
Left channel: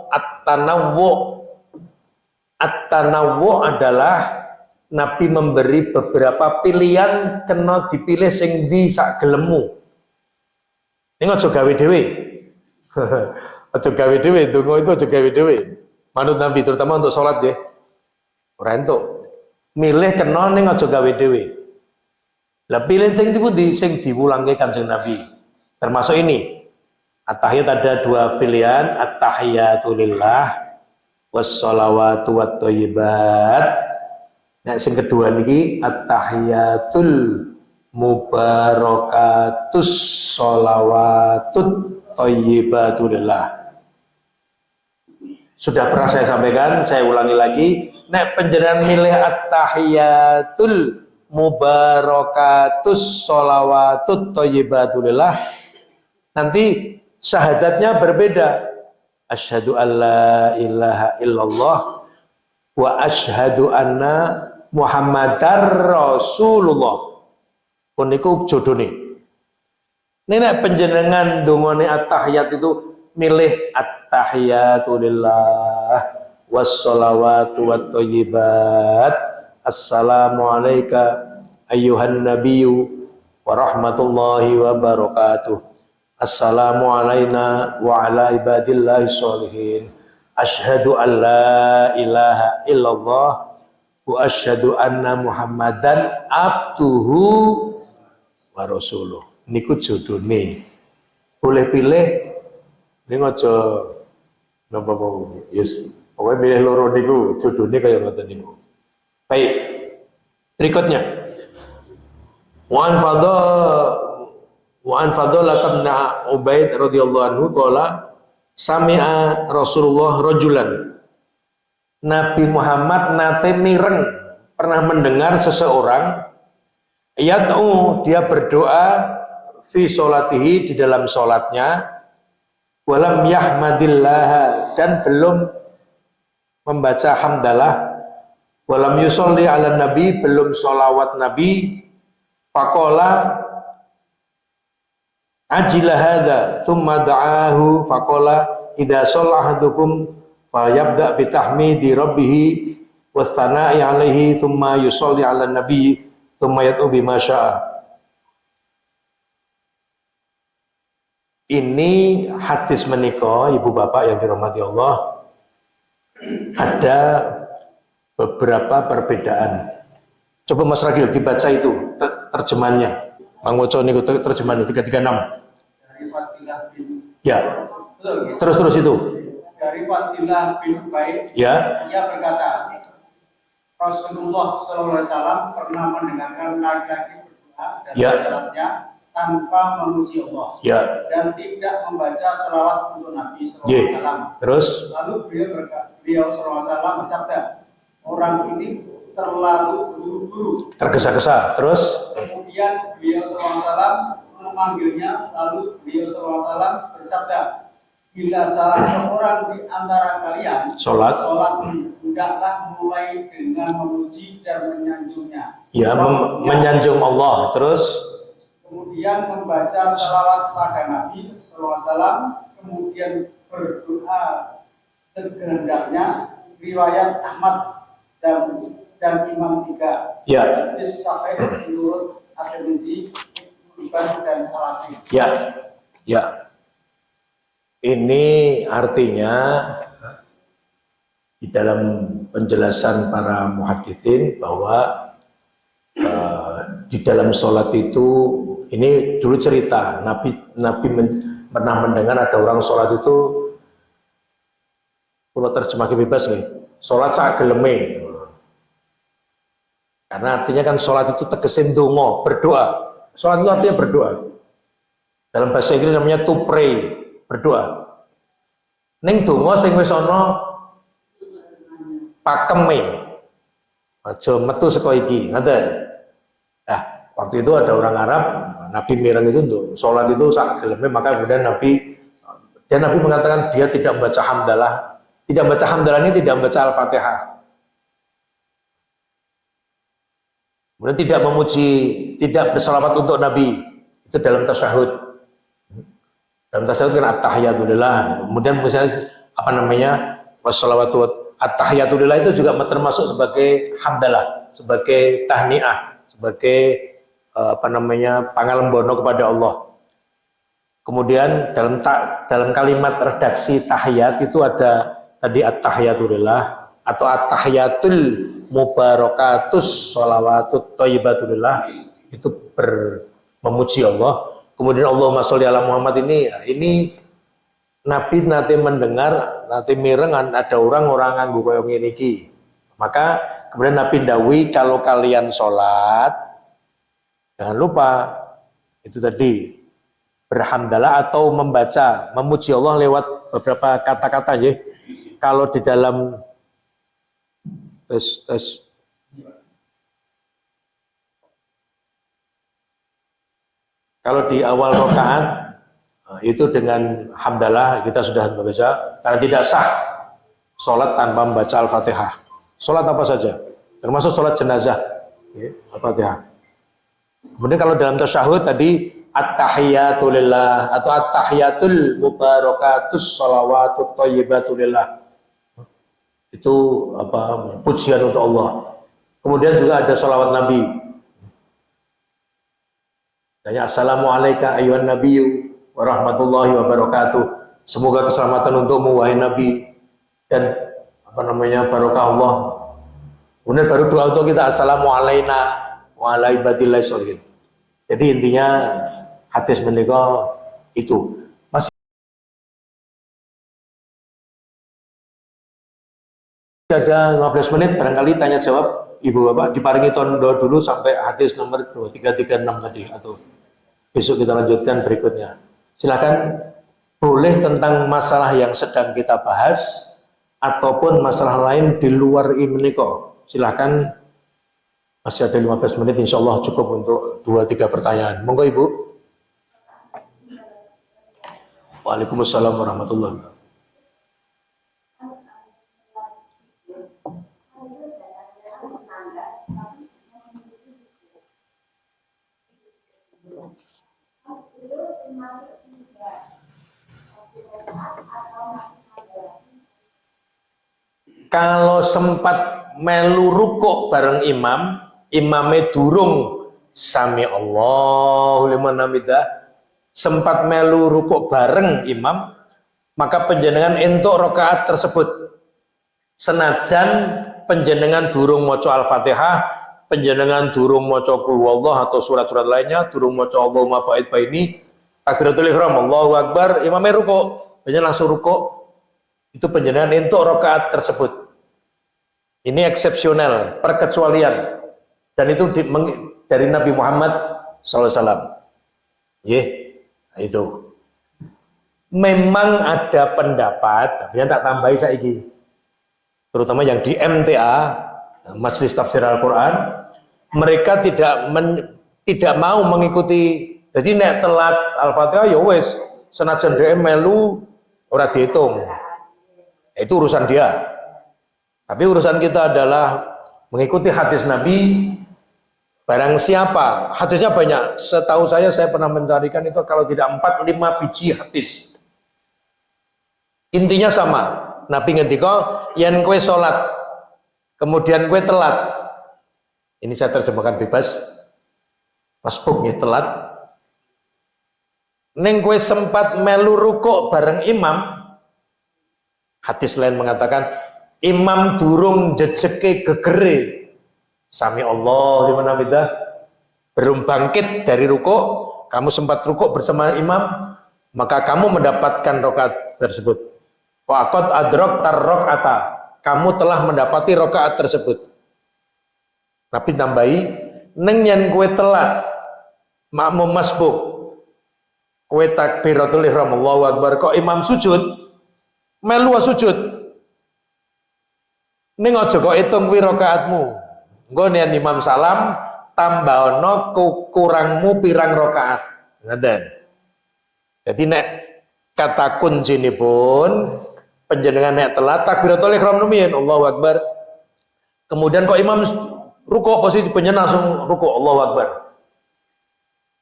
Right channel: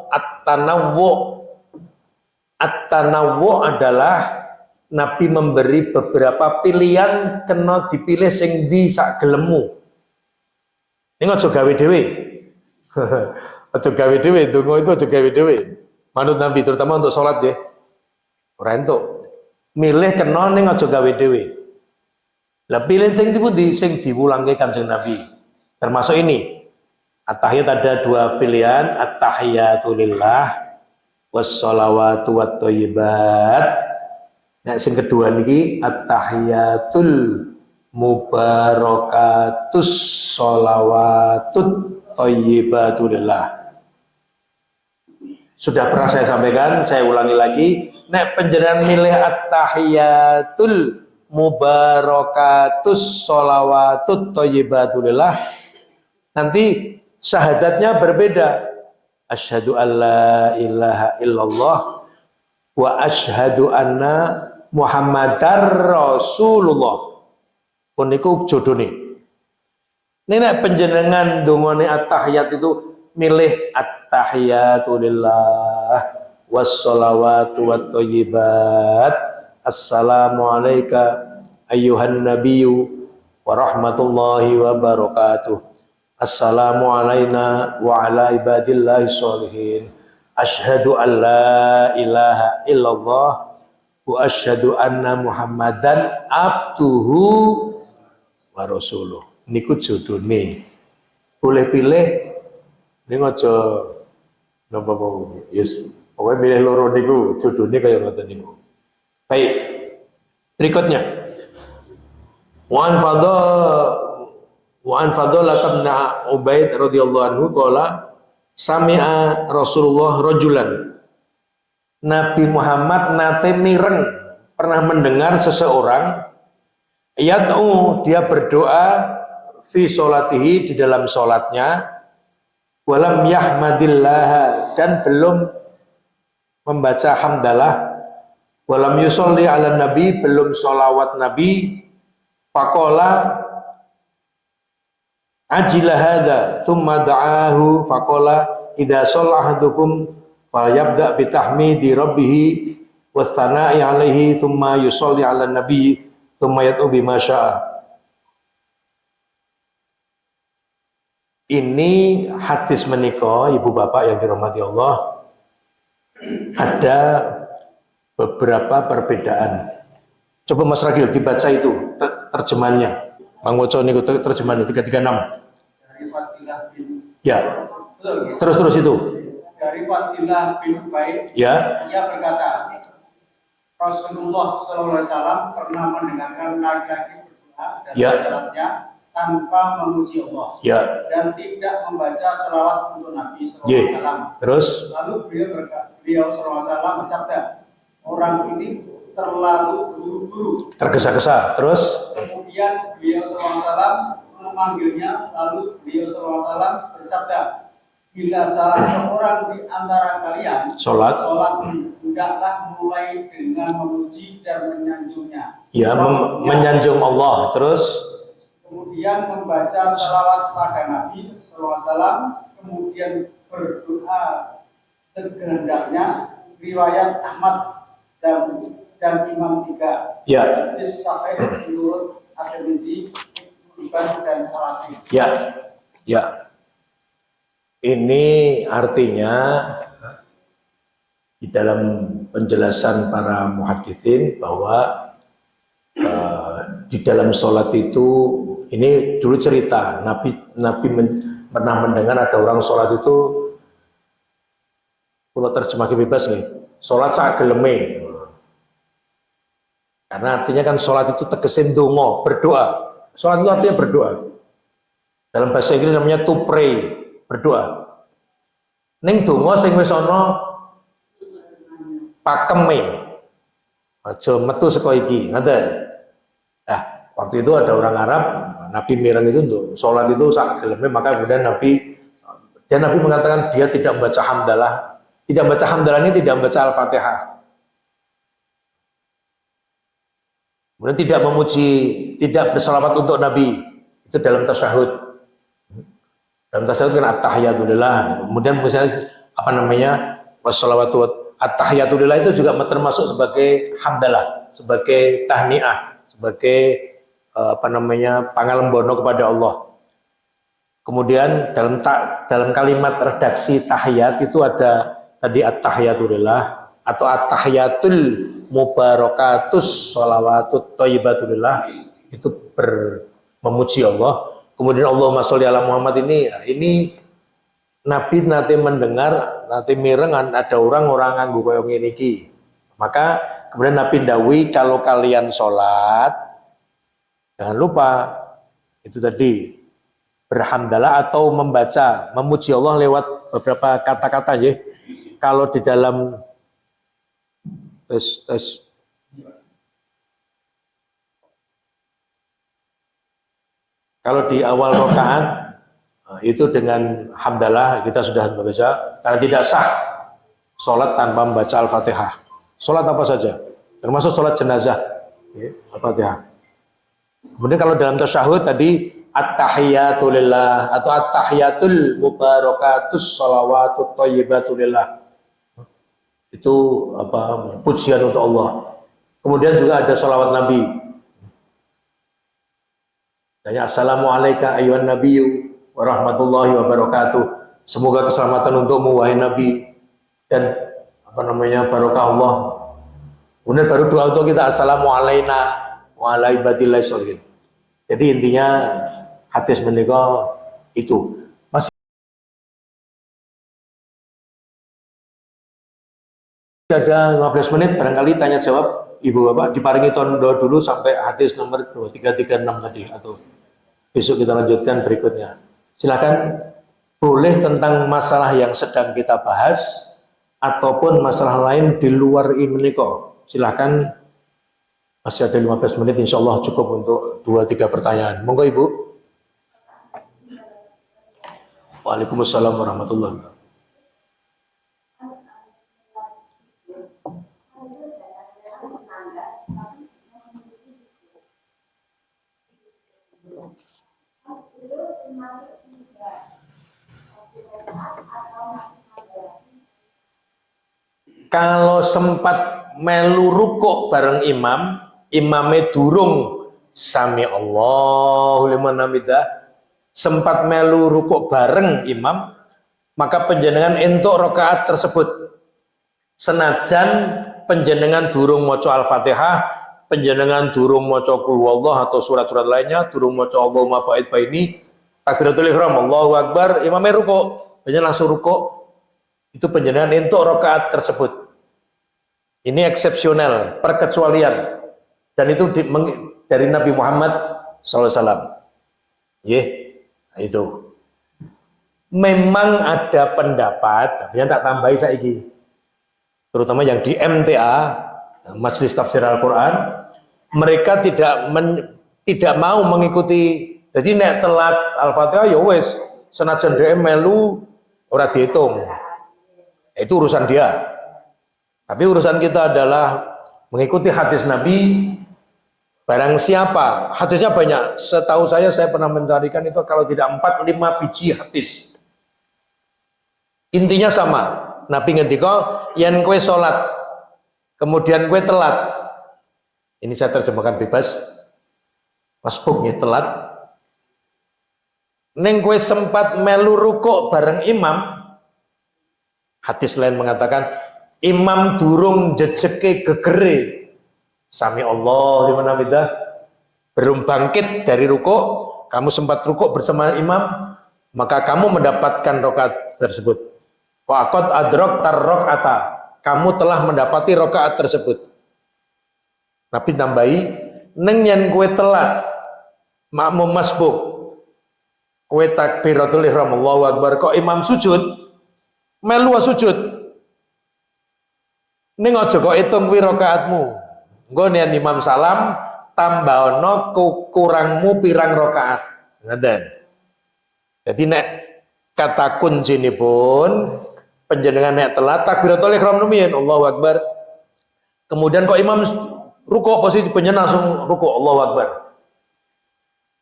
At-tanawwu adalah Nabi memberi beberapa pilihan, kena dipilih sing di sak gelemu. Ini aja gawe dhewe. Aja gawe dhewe, donga itu aja gawe dhewe. Manut Nabi terutama untuk sholat ya. Ora entuk. Milih kena ning aja gawe dhewe. Lah pilih sing dipundi sing diwulangke Kanjeng Nabi. Termasuk ini. At-tahiyat ada dua pilihan, at-tahiyatu lillah was-shalawatu wat-thayyibat. Nah, sing kedua niki at-tahiyatul mubarakatus sholawatut thayyibatulillah. Sudah pernah saya sampaikan, saya ulangi lagi. Nek penjenengan milih at-tahiyatul mubarakatus sholawatut thayyibatulillah, nanti syahadatnya berbeda. Asyhadu alla ilaha illallah wa asyhadu anna Muhammadar Rasulullah. Pun niku jodone. Nek penjenengan dongane at-tahiyat itu milih at-tahiyatu lillah was-shalawatu wat-thayyibat. Assalamu alayka ayyuhan nabiyyu wa rahmatullahi wa barakatuh. Assalamu alayna wa ala ibadillahi sholihin. Asyhadu an la ilaha illallah wa asyhadu anna Muhammadan abduhu wa rasuluh. Niku jodone. Boleh pilih ning aja napa mau. Yes, pokoke milih loro niku jodone kaya ngoten niku. Baik. Berikutnya. Wa an Fadhalah bin Ubaid radhiyallahu anhu qala sami'a Rasulullah rajulan. Nabi Muhammad nate mireng, pernah mendengar seseorang yad'u, dia berdoa fi sholatihi, di dalam sholatnya, walam yahmadillah, dan belum membaca hamdalah, walam yusolli ala nabi, belum sholawat nabi, faqala ajila hadza thumma da'ahu faqala idza shalla ahadukum falyabda bi tahmidi rabbih wa tsana'i alaihi thumma yusolli ala nabi thumma yad'u bima syaa. Ini hadis menika ibu bapak yang dirahmati Allah, ada beberapa perbedaan. Coba Mas Ragil dibaca itu terjemahannya. Mang Woco niku terjemahan 336. Ya. Terus itu. Dari Fadilah bin Ubaid, ya. ia berkata, Rasulullah SAW pernah mendengarkan laki-laki berdoa dan Ya. salatnya tanpa memuji Allah Ya. dan tidak membaca selawat untuk Nabi SAW. Terus? Lalu beliau SAW bersabda, orang ini terlalu buru-buru, tergesa-gesa. Terus? Kemudian beliau SAW memanggilnya, lalu beliau SAW bersabda, bila salah seorang di antara kalian sholat, hendaklah mulai dengan memuji dan menyanjungnya. Ya, menyanjung Allah. Terus? Kemudian membaca salawat pada Nabi SAW, kemudian berdoa sekehendaknya. Riwayat Ahmad dan Imam Tiga. Ya. Hadis sahih menurut At-Tirmidzi, dan Al-Hakim. Ya. Ya. Ini artinya di dalam penjelasan para muhaditsin bahwa di dalam sholat itu, ini dulu cerita Nabi pernah mendengar ada orang sholat itu, kalau terjemah bebas nih, sholat saat geleme, karena artinya kan sholat itu tegesin dongo, berdoa. Sholat itu artinya berdoa. Dalam bahasa Inggris namanya to pray, berdoa. Ning dongo sing wis ana pakeme, aja metu saka iki, ngoten. Nah, waktu itu ada orang Arab, Nabi mireng itu untuk sholat itu saat geleme, maka kemudian Nabi mengatakan dia tidak membaca hamdalah. Tidak membaca hamdalah ini tidak membaca Al-Fatihah. Kemudian tidak memuji, tidak bersalawat untuk Nabi. Itu dalam tasyahud. Dalam tasyahud kan at-tahiyatulillah. Kemudian misalnya apa namanya? Wassalawatu at-tahiyatulillah itu juga termasuk sebagai hamdalah, sebagai tahniah, sebagai apa namanya? Pangalembono kepada Allah. Kemudian dalam kalimat redaksi tahiyat itu ada tadi at-tahiyatulillah atau at-tahiyatul mubarakatus sholawatut thayyibatulillah, itu memuji Allah. Kemudian Allahumma sholli ala Muhammad ini Nabi nanti mendengar, nanti mirengan ada orang nganggo koyo ngene iki. Maka kemudian Nabi ndawi kalau kalian sholat jangan lupa itu tadi berhamdalah atau membaca memuji Allah lewat beberapa kata-kata ya. Kalau di dalam kalau di awal rakaat itu dengan hamdalah kita sudah membaca, karena tidak sah sholat tanpa membaca Al-Fatihah. Sholat apa saja, termasuk sholat jenazah, Al-Fatihah. Kemudian kalau dalam tasyahud tadi at-tahiyatulillah atau at-tahiyatul mubarakatus sholawatut thayyibatulillah, itu apa, pujian untuk Allah. Kemudian juga ada sholawat Nabi. Tanya assalamualaikum ayyuhan nabiyyu wa rahmatullahi wa barakatuh. Semoga keselamatan untukmu wahai Nabi dan apa namanya barokah Allah. Kemudian baru doa untuk kita assalamualaikum wa ala ibadillah sholihin. Jadi intinya hadis menika itu. Masih ada 15 menit barangkali tanya jawab Ibu Bapak, diparingi tondo dulu sampai hadis nomor 2336 tadi, atau besok kita lanjutkan berikutnya. Silakan, boleh tentang masalah yang sedang kita bahas ataupun masalah lain di luar ini kok. Silakan, masih ada 15 menit, insya Allah cukup untuk 2-3 pertanyaan. Monggo Ibu. Waalaikumsalam warahmatullahi wabarakatuh. Kalau sempat melu rukuk bareng imam, imamnya durung sami Allahu liman hamidah, sempat melu rukuk bareng imam, maka penjenengan entuk rakaat tersebut. Senajan penjenengan durung maca Al-Fatihah, penjenengan durung maca Qul Huwallah atau surat-surat lainnya, durung maca Allahumma ba'id baini, takbiratul ihram, Allahu Akbar, imamnya rukuk, penjenengan langsung rukuk, itu penjenengan entuk rakaat tersebut. Ini eksepsional, perkecualian. Dan itu dari Nabi Muhammad SAW. Itu. Memang ada pendapat, yang tak tambahi saiki, terutama yang di MTA, Majelis Tafsir Al-Quran, mereka tidak mau mengikuti. Jadi nek telat Al-Fatihah ya wis, senajan dhek melu ora dihitung. Itu urusan dia. Tapi urusan kita adalah mengikuti hadis Nabi. Barang siapa, hadisnya banyak. Setahu saya pernah mencarikan itu kalau tidak 4-5 biji hadis. Intinya sama. Nabi ngendika, yen kowe salat, kemudian kowe telat. Ini saya terjemahkan bebas. Masbuk ya telat. Ning kowe sempat melu rukuk bareng imam. Hadis lain mengatakan imam durung jejeke gegere. Sami Allah liman hamidah. Belum bangkit dari rukuk, kamu sempat rukuk bersama imam, maka kamu mendapatkan rakaat tersebut. Faqad adraktar rakaata. Kamu telah mendapati rakaat tersebut. Nabi tambahi, neng yen kowe telat makmum masbuk, kowe takbiratul ihram Allahu akbar kok imam sujud, melu sujud. Ning aja kok hitung kuwi rakaatmu. Engko yen imam salam tambahno kurangmu pirang rakaat. Ngoten. Jadi nek kata kuncinipun panjenengan nek telat takbiratul ihram rumiyin Allahu akbar. Kemudian kok imam rukuk posisi panjenengan langsung rukuk Allahu akbar.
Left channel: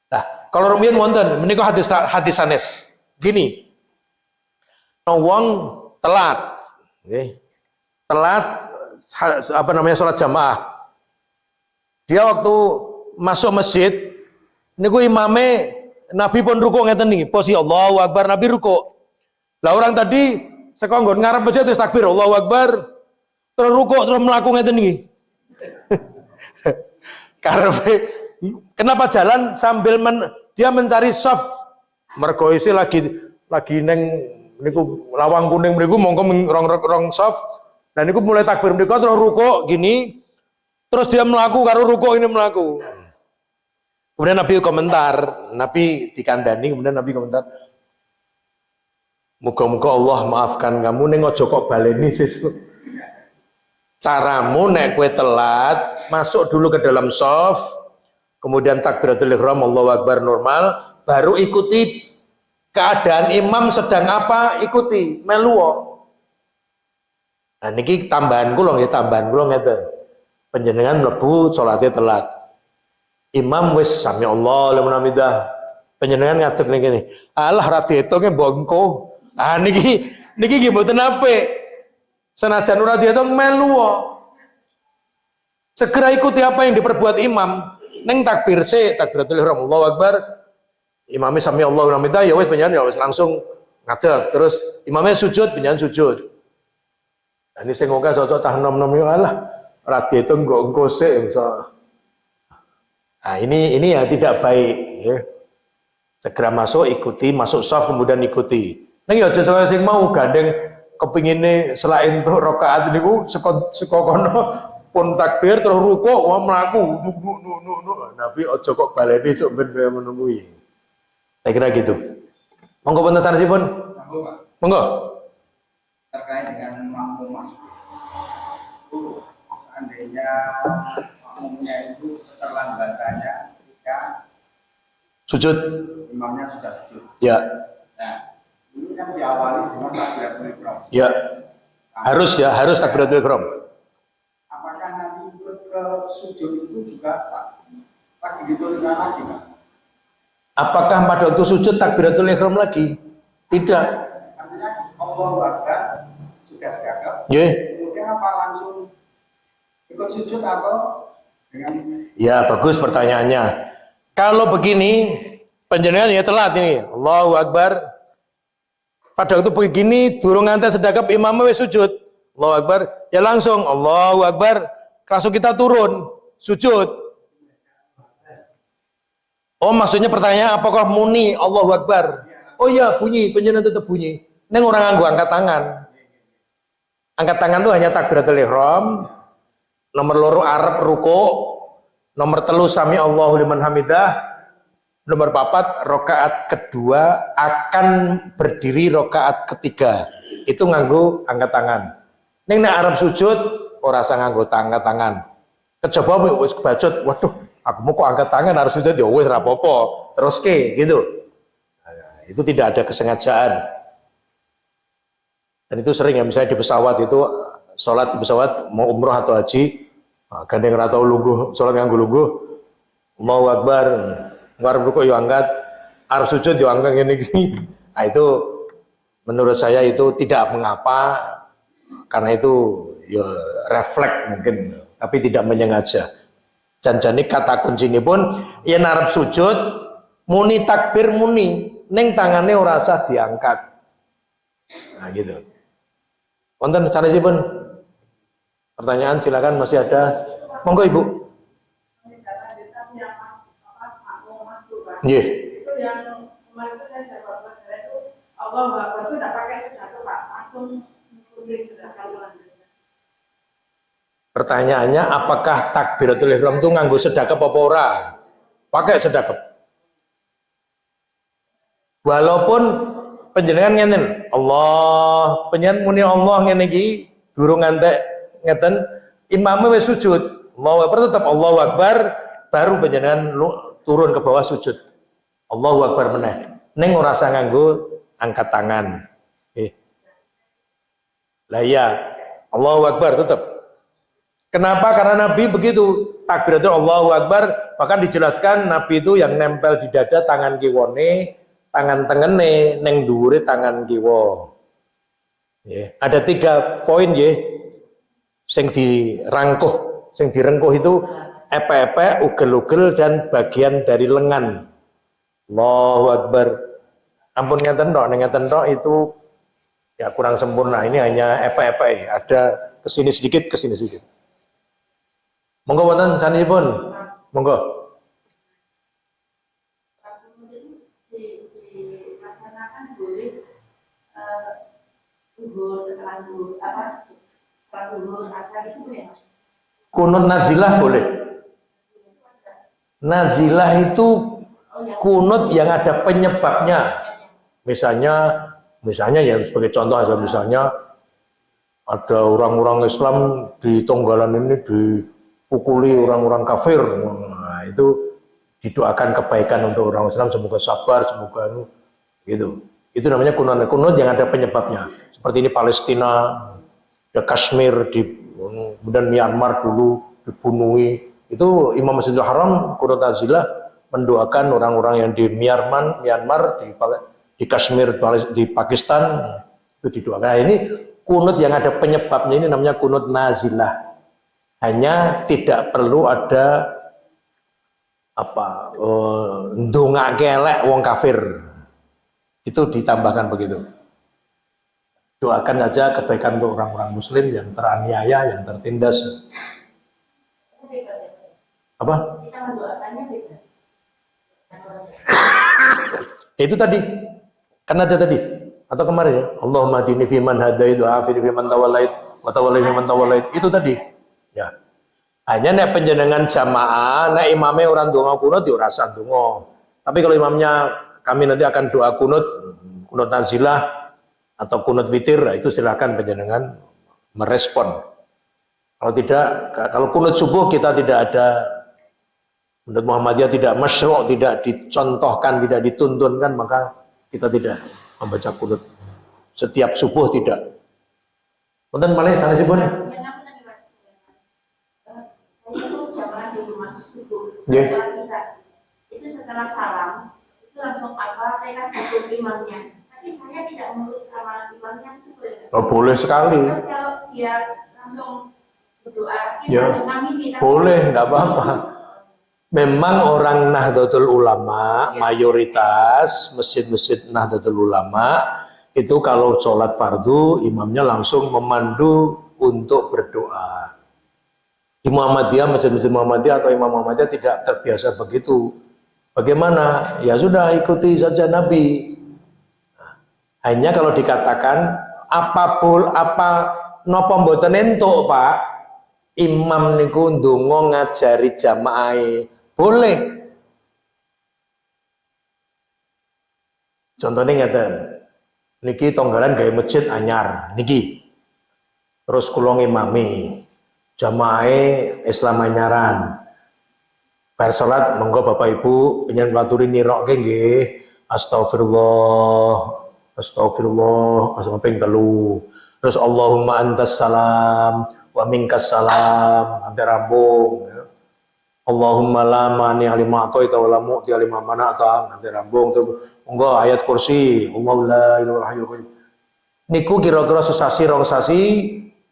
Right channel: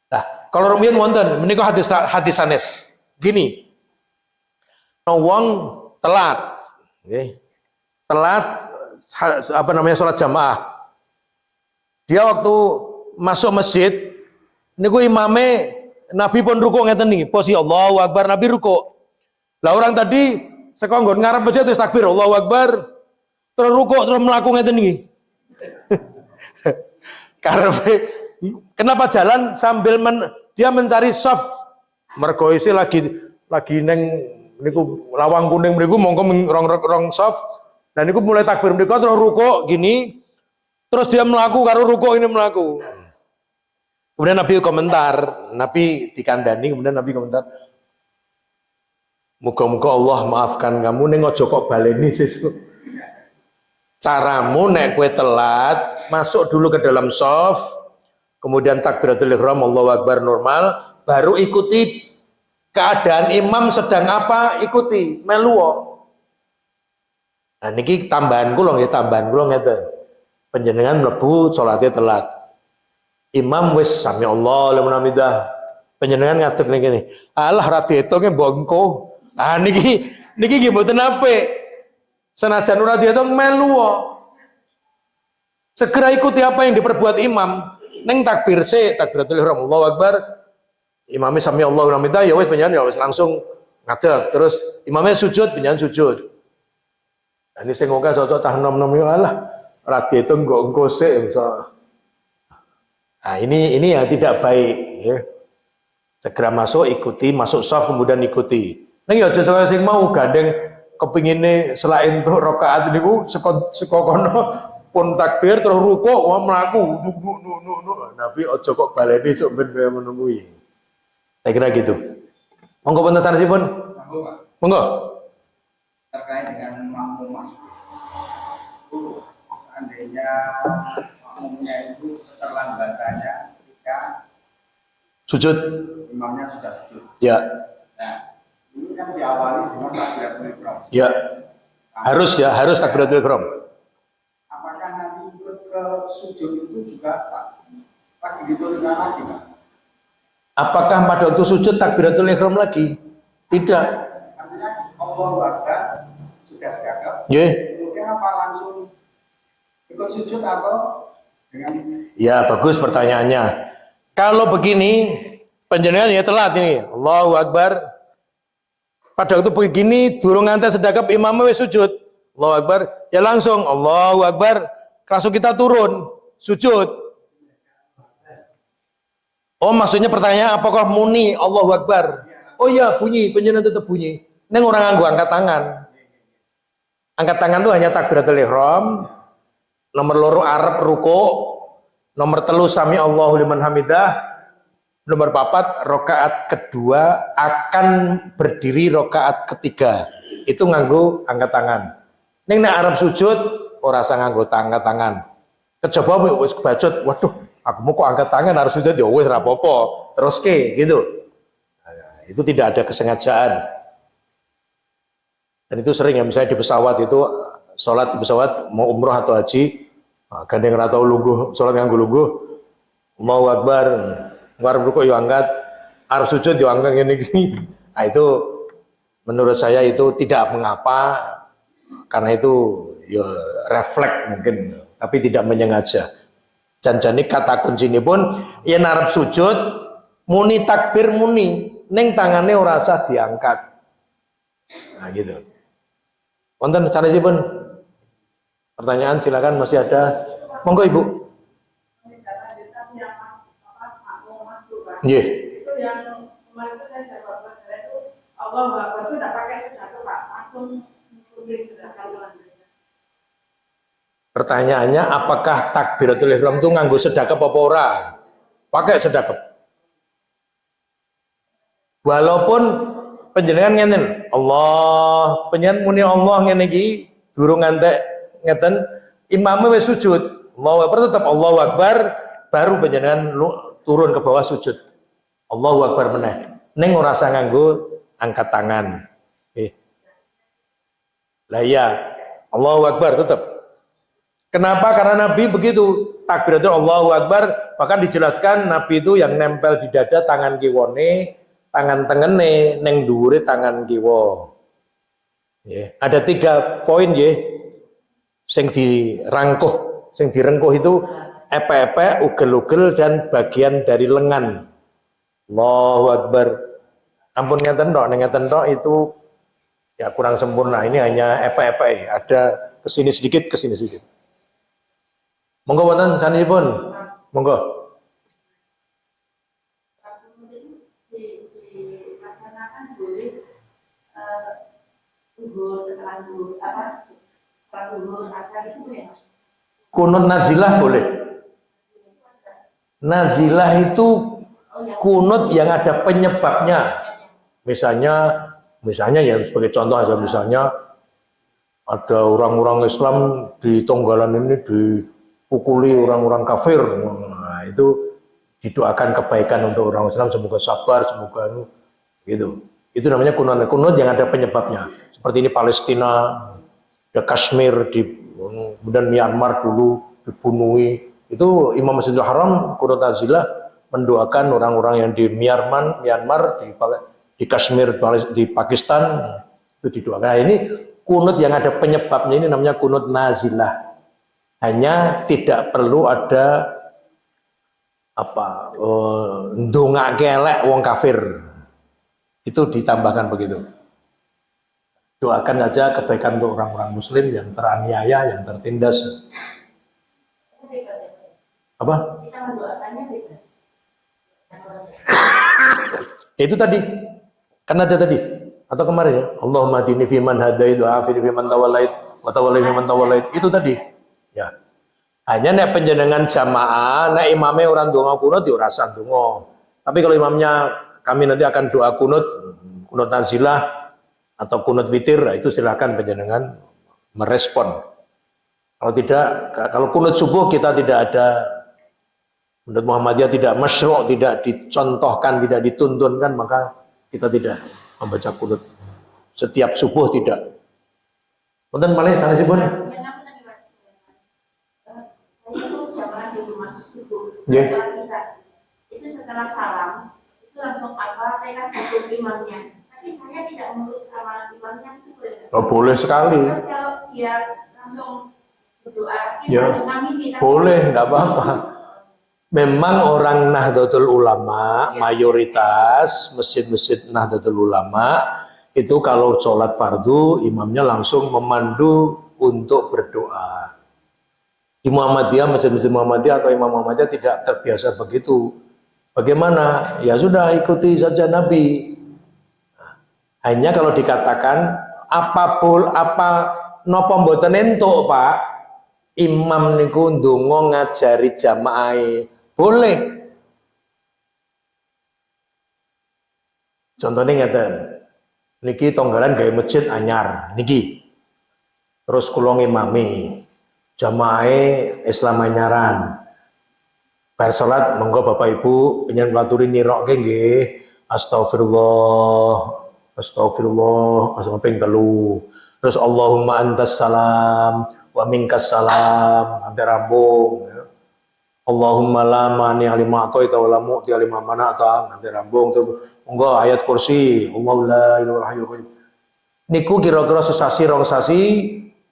Nah, kalau rumiyin wonten menika hadis sanes. Gini. Wong telat, nggih. Telat salat jamaah. Dia waktu masuk masjid niku imame Nabi pun rukuk ngeten niki, posisi Allahu akbar Nabi rukuk. Lah orang tadi saka nggon ngarep masjid wis takbir Allahu akbar, terus rukuk terus mlaku ngeten niki. Karepe kenapa jalan sambil dia mencari shaf. Mergo isi lagi neng niku lawang kuning mriku mongko rong shaf. Dan niku mulai takbir mriku terus rukuk gini. Terus dia melaku karo rukuk ini melaku. Kemudian Nabi komentar, Nabi dikandani, kemudian Nabi komentar, muga-muga Allah maafkan kamu, ning aja kok baleni sesuk. Caramu nek kowe telat, masuk dulu ke dalam shaf, kemudian takbiratul ihram Allahu akbar normal, baru ikuti keadaan imam sedang apa, ikuti melu. Nah niki tambahan kula nggih, tambahan kula ngeten. Panjenengan mlebu salatnya telat. Imam wis sami Allah liman hamidah. Panjenengan ngadeg ning kene. Alah ra diitunge mbongko. Ah niki nggih mboten apik. Senajan ora diitung melu. Segera ikuti apa yang diperbuat imam. Ning takbir takbiratul ihram Allahu akbar. Imamnya sami Allah liman hamidah ya wis panjenengan ya wis langsung ngadeg. Terus imamnya sujud, panjenengan sujud. Nah, ini sing ngomong cocok tah nom-nom yo alah. Radhi itu engko sik. Nah, ini yang tidak baik ya. Segera masuk ikuti, masuk shaf kemudian ikuti. Ning ya aja sing mau gandeng kepingine selain untuk rakaat niku saka kono pun takbir terus rukuk wah mlaku Nabi aja kok baleni sok ben kaya menunggu. Saya kira gitu. Monggo punten sanesipun. Monggo. Terkait dengan makmum masuk. Seandainya makmumnya itu keterlambatannya ketika sujud, imamnya sudah sujud. Ya. Nah, ini kan diawali dengan takbiratul ihram. Ya. Harus takbiratul ihram. Apakah nanti ikut ke sujud itu juga takbiratul ihram lagi, Pak? Apakah pada waktu sujud takbiratul ihram lagi? Tidak. Artinya Allahu akbar sudah cakep. Nggih. Kemudian apa langsung ikut sujud atau dengan? Ya bagus pertanyaannya. Kalau begini panjenengan ya telat ini. Allahu akbar. Pada waktu begini durung nganti sedekap imamnya wis sujud. Allahu akbar. Ya langsung Allahu akbar. Langsung kita turun sujud. Oh maksudnya pertanyaan apakah muni Allahu akbar? Oh iya bunyi, panjenengan tetap bunyi. Neng orang nganggo angkat tangan. Angkat tangan itu hanya takbiratul ihram. nomor loro Arab ruko, nomor telu sami Allahu liman hamidah, nomor papat rakaat kedua akan berdiri rakaat ketiga. Itu nganggo angkat tangan. Ning nek Arab sujud ora usah nganggo angkat tangan. Kejaba wis kebacut, waduh, aku mau kok angkat tangan harus sujud ya wis ora apa-apa. Teruske gitu. Nah, itu tidak ada kesengajaan. Dan itu sering ya, misalnya di pesawat itu sholat di pesawat mau umroh atau haji, gandeng atau lungguh, sholat nganggo lungguh, mau akbar, ngarep ruku yo angkat, arep sujud yo angkat ngene iki. Nah, itu menurut saya itu tidak mengapa karena itu ya refleks mungkin, tapi tidak menyengaja. Janjane kata kuncine pun yen arep sujud muni takbir muni, ning tangane ora usah diangkat. Nah gitu. Wonten sanesipun pertanyaan silakan masih ada. Monggo Ibu. Nggih. Itu yang kemarin itu saya jawab itu Allah Akbar itu tidak pakai sedekah Pak, langsung kumpulin sedekah. Pertanyaannya apakah takbiratul ihram itu nganggo sedekah apa ora? Pakai sedekah. Walaupun panjenengan ngenten, Allah, panjenengan muni Allah ngene iki durung ngantek ngeten, imamnya wis sujud. Allahu Akbar tetap Allahu Akbar, baru panjenengan turun ke bawah sujud. Allahu Akbar meneh. Ning ora usah nganggo angkat tangan. Lah iya, Allahu Akbar tetap. Kenapa? Karena Nabi begitu. Takbiratul Allahu Akbar, bahkan dijelaskan Nabi itu yang nempel di dada tangan kiwone, tangan tengene, neng dhuwure tangan kiwa. Ada 3 poin nggih sing dirangkuh, sing direngkuh itu epe-epe, ugel-ugel dan bagian dari lengan. Allahu Akbar. Ampun ngeten tok, ngeten tok itu ya kurang sempurna. Ini hanya epe-epe, ada kesini sedikit, kesini sedikit. Monggo wonten sanesipun. Monggo. Dilaksanakan boleh setelah duhur apa? Setelah duhur asar itu ya. Kunut nazilah boleh. Nazilah itu kunut yang ada penyebabnya. Misalnya ya sebagai contoh aja, misalnya ada orang-orang Islam di Tonggalan ini dipukuli orang-orang kafir. Nah, itu didoakan kebaikan untuk orang Islam, semoga sabar, semoga gitu. Itu namanya kunut yang ada penyebabnya. Seperti ini Palestina, ada Kashmir, kemudian Myanmar dulu dibunuhi. Itu Imam Masjidil Haram kunut nazilah mendoakan orang-orang yang di Myanmar, di Kashmir, di Pakistan itu didoakan. Nah, ini kunut yang ada penyebabnya, ini namanya kunut nazilah. Hanya tidak perlu ada ndongake elek wong kafir. Itu ditambahkan begitu. Doakan saja kebaikan untuk orang-orang muslim yang teraniaya, yang tertindas. Apa? Kita mendoakannya bebas. Itu tadi. Kan ada tadi atau kemarin ya, Allahumma hdini fiman hadait wa afini fiman tawallait wa tawallani fiman tawallait. Itu tadi. Ya. Hanya nek panjenengan jamaah, nek imamnya orang donga kunut ya ora usah donga. Tapi kalau imamnya kami nanti akan doa kunut nazilah atau kunut witir, itu silakan panjenengan merespon. Kalau tidak, kalau kunut subuh kita tidak ada, menurut Muhammadiyah tidak masyru', tidak dicontohkan, tidak dituntunkan, maka kita tidak membaca kunut setiap subuh, tidak. Wonten malih sanesipun. Sholat isya itu setelah salam itu langsung tekad hukum imamnya, tapi saya tidak menurut sama imamnya itu boleh. Oh, boleh sekali. Terus kalau dia langsung berdoa ya, boleh, nggak apa-apa. Memang orang Nahdlatul Ulama, mayoritas masjid-masjid Nahdlatul Ulama itu kalau sholat fardu imamnya langsung memandu untuk berdoa. Di Muhammadiyah, masjid-masjid Muhammadiyah atau Imam Muhammadiyah tidak terbiasa begitu. Bagaimana? Ya sudah, ikuti saja Nabi. Hanya kalau dikatakan apa nopo mboten entuk, Pak, imam niku ndonga ngajari jamaah boleh. Contohnya ngeten, niki tonggalan gawe masjid anyar niki. Terus kula ngimami jamaah Islam anyaran. Bar salat monggo Bapak Ibu penyen ngaturi nirokke nggih. Astagfirullah, astagfirullah, ping 3. Terus Allahumma antas salam wa minkas salam, sampai rambung ya. Allahumma la mani lima a'taita wa la mu'ti lima mana'ta, sampai rambung. Terus monggo ayat kursi, Allahu la ilaha illallah. Niku kira-kira sesasi rong sasi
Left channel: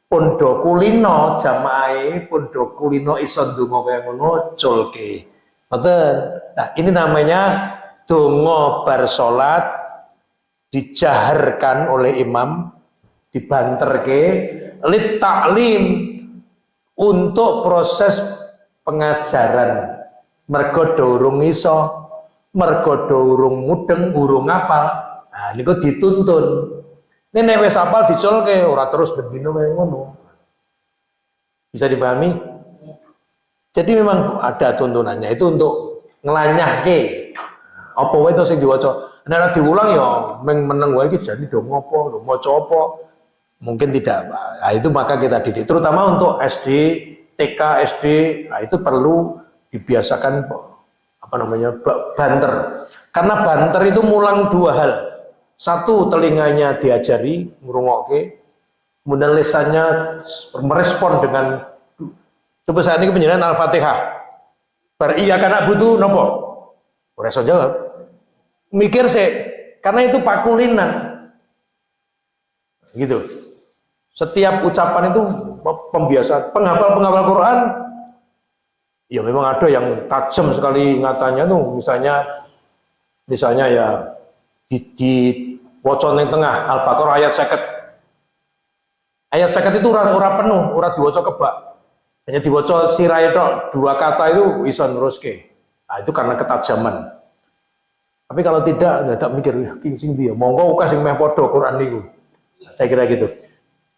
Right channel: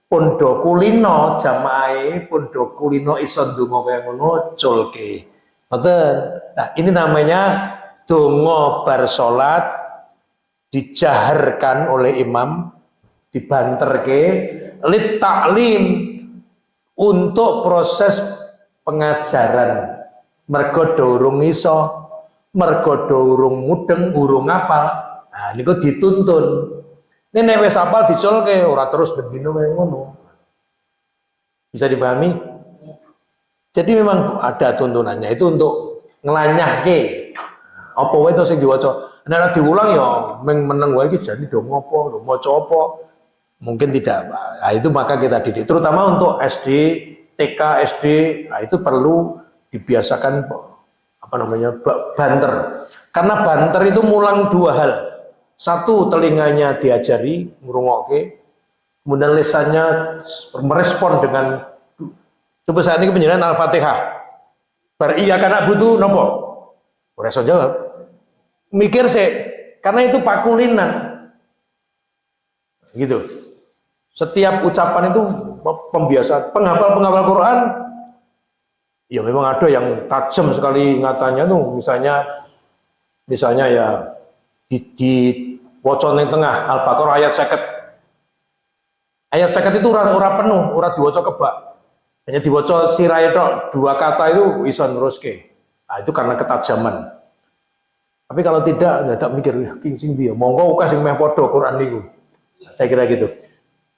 pun do kulino jamaah pun do kulino iso ndonga kaya ngono culke. Ngoten. Nah, ini namanya donga bar salat dijaharkan oleh imam, dibanterke lit taklim untuk proses pengajaran. Mergo durung iso, mergo durung mudeng, urung apal. Nah, niku dituntun. Nek wis apal diculke ora terus begino kaya ngono. Bisa dipahami? Jadi memang ada tuntunannya itu untuk ngelanyahke. Apa wae to sing diwaca. Nek diulang ya meneng wae iki jane do ngopo, maca apa. Mungkin tidak. Nah, itu maka kita didik terutama untuk SD, TK, SD, nah itu perlu dibiasakan apa namanya? Banter. Karena banter itu mulang dua hal. Satu, telinganya diajari ngrungokke, kemudian lisannya merespon dengan coba saat ini penjelasan Al-Fatihah. Bar iya kana butuh nopo? Ora iso jawab. Mikir sih, karena itu pakulinan. Gitu. Setiap ucapan itu pembiasaan. Penghafal Quran ya memang ada yang tajam sekali ingatannya tuh, misalnya ya di wocon yang tengah Al-Baqarah ayat 50. Ayat 50 itu ora penuh, ora diwaca kebak. Hanya diwaca sirahe tok, 2 kata itu bisa neruske. Nah, itu karena ketajaman. Tapi kalau tidak, enggak tak mikir sing piye. Monggo ukah sing meh padha Quran niku. Saya kira gitu.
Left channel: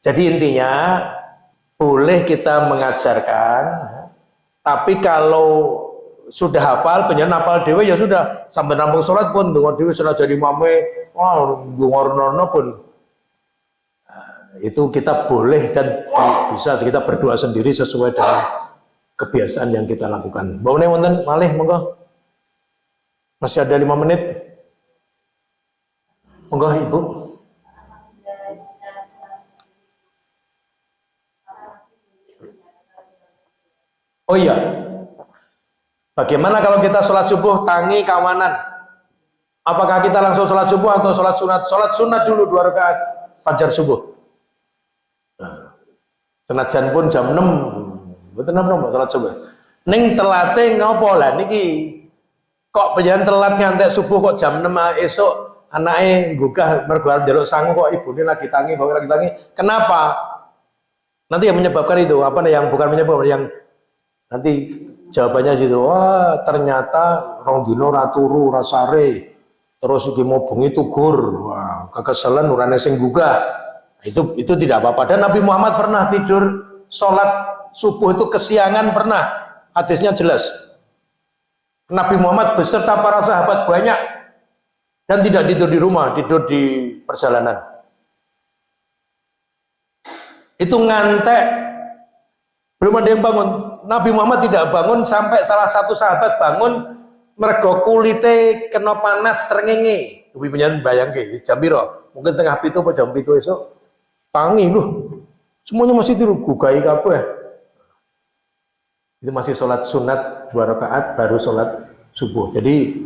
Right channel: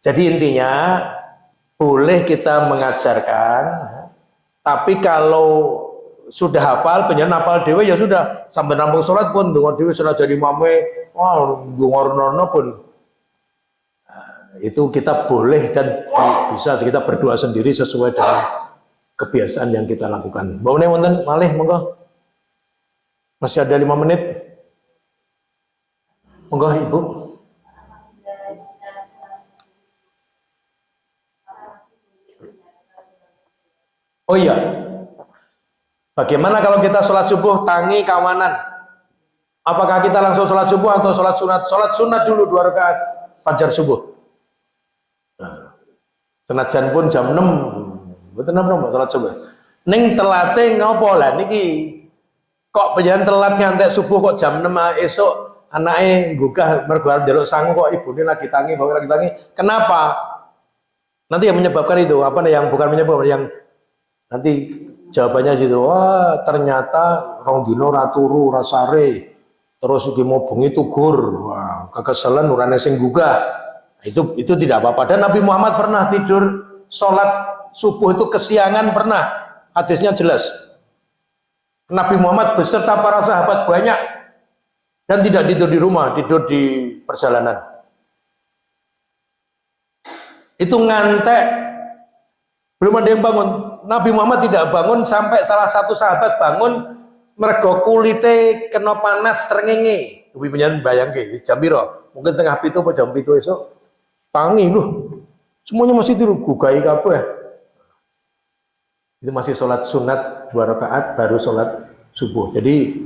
Jadi intinya boleh kita mengajarkan, tapi kalau sudah hafal, pengen hafal dewe ya sudah sampai nampung sholat pun dengan dewe sudah jadi mame, wah ngorno pun itu kita boleh dan bisa kita berdoa sendiri sesuai dengan kebiasaan yang kita lakukan. Baune wonten malih monggo. Masih ada 5 menit. Monggo Ibu. Oh iya. Bagaimana kalau kita sholat subuh tangi kawanan? Apakah kita langsung sholat subuh atau sholat sunat? Sholat sunat dulu 2 rakaat fajar subuh. Nah, senajan pun jam 6, betul apa sholat subuh. Ning telate ngopo lah niki? Kok penjen telat ngantek subuh kok jam 6 esok anake nggugah mergo arep njaluk sangu kok ibune lagi tangi, bapak lagi tangi. Kenapa? Nanti yang menyebabkan itu apa yang bukan menyebabkan yang nanti jawabannya gitu, wah ternyata rong dino raturu rasare, terus iki mau bengi tugur, wah kekeselan urane sing gugah. Itu tidak apa-apa. Dan Nabi Muhammad pernah tidur sholat subuh itu kesiangan pernah, hadisnya jelas. Nabi Muhammad beserta para sahabat banyak dan tidak tidur di rumah, tidur di perjalanan. Itu ngantek, belum ada yang bangun. Nabi Muhammad tidak bangun sampai salah satu sahabat bangun mergo kulite kena panas srengenge. Kuwi penyen bayangke jam piro? Mungkin tengah 7 apa jam 7 esok. Tangi loh. Semuanya masih tidur gugai kabeh. Itu masih sholat sunat 2 rakaat baru sholat subuh. Jadi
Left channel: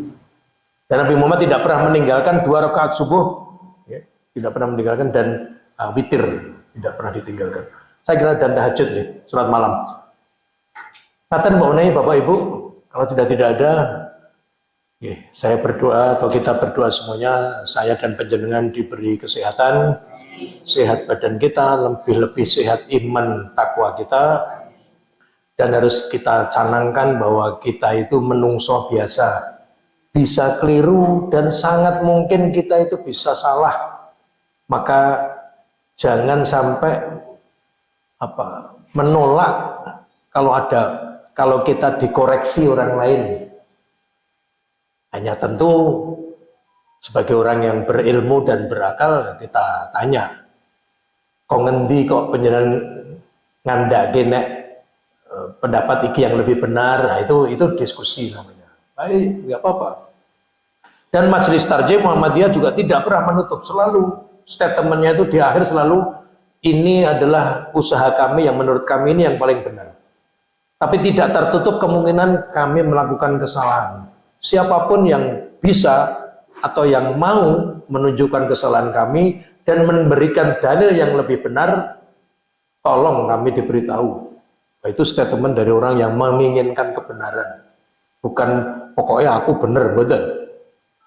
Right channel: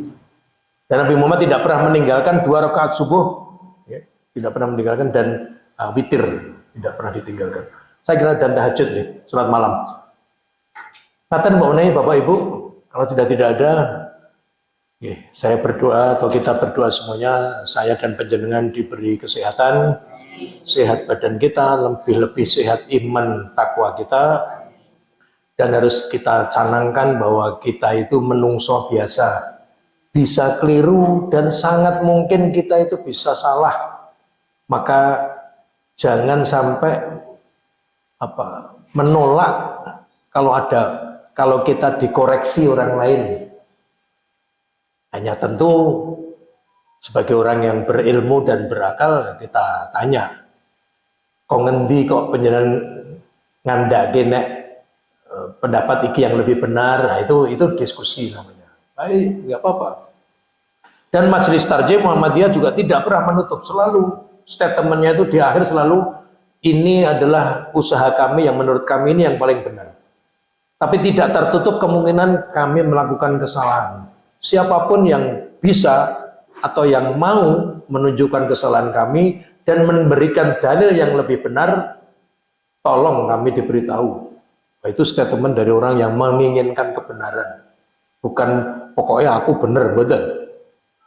dan Nabi Muhammad tidak pernah meninggalkan 2 rakaat subuh, ya, tidak pernah meninggalkan dan witir tidak pernah ditinggalkan. Saya kira dan tahajud nih, sholat malam. Katakan Mbak Unai, Bapak Ibu, kalau tidak ada, ya, saya berdoa atau kita berdoa semuanya, saya dan panjenengan diberi kesehatan, sehat badan kita, lebih-lebih sehat iman takwa kita, dan harus kita canangkan bahwa kita itu menungso biasa, bisa keliru dan sangat mungkin kita itu bisa salah. Maka jangan sampai menolak kalau kita dikoreksi orang lain, hanya tentu sebagai orang yang berilmu dan berakal kita tanya, kok ngendi kok penjenengan ngandake nek pendapat iki yang lebih benar. Nah, itu diskusi namanya. Baik, nggak apa-apa. Dan Majelis Tarjih Muhammadiyah juga tidak pernah menutup, selalu statementnya itu di akhir selalu ini adalah usaha kami yang menurut kami ini yang paling benar. Tapi tidak tertutup kemungkinan kami melakukan kesalahan. Siapapun yang bisa atau yang mau menunjukkan kesalahan kami dan memberikan dalil yang lebih benar, tolong kami diberitahu. Itu statement dari orang yang menginginkan kebenaran. Bukan pokoknya aku benar, betul.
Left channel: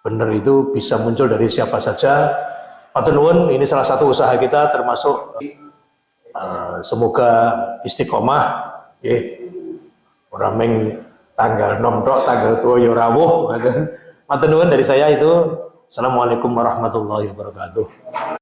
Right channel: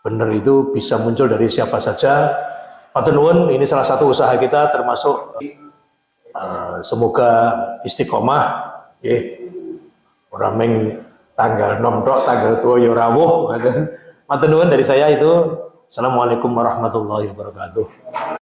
Benar itu bisa muncul dari siapa saja. Matur nuwun, ini salah satu usaha kita termasuk semoga istiqomah. Orang meng tanggal 6 tok, tanggal 2 ya rawuh. Matur nuwun dari saya itu. Assalamualaikum warahmatullahi wabarakatuh.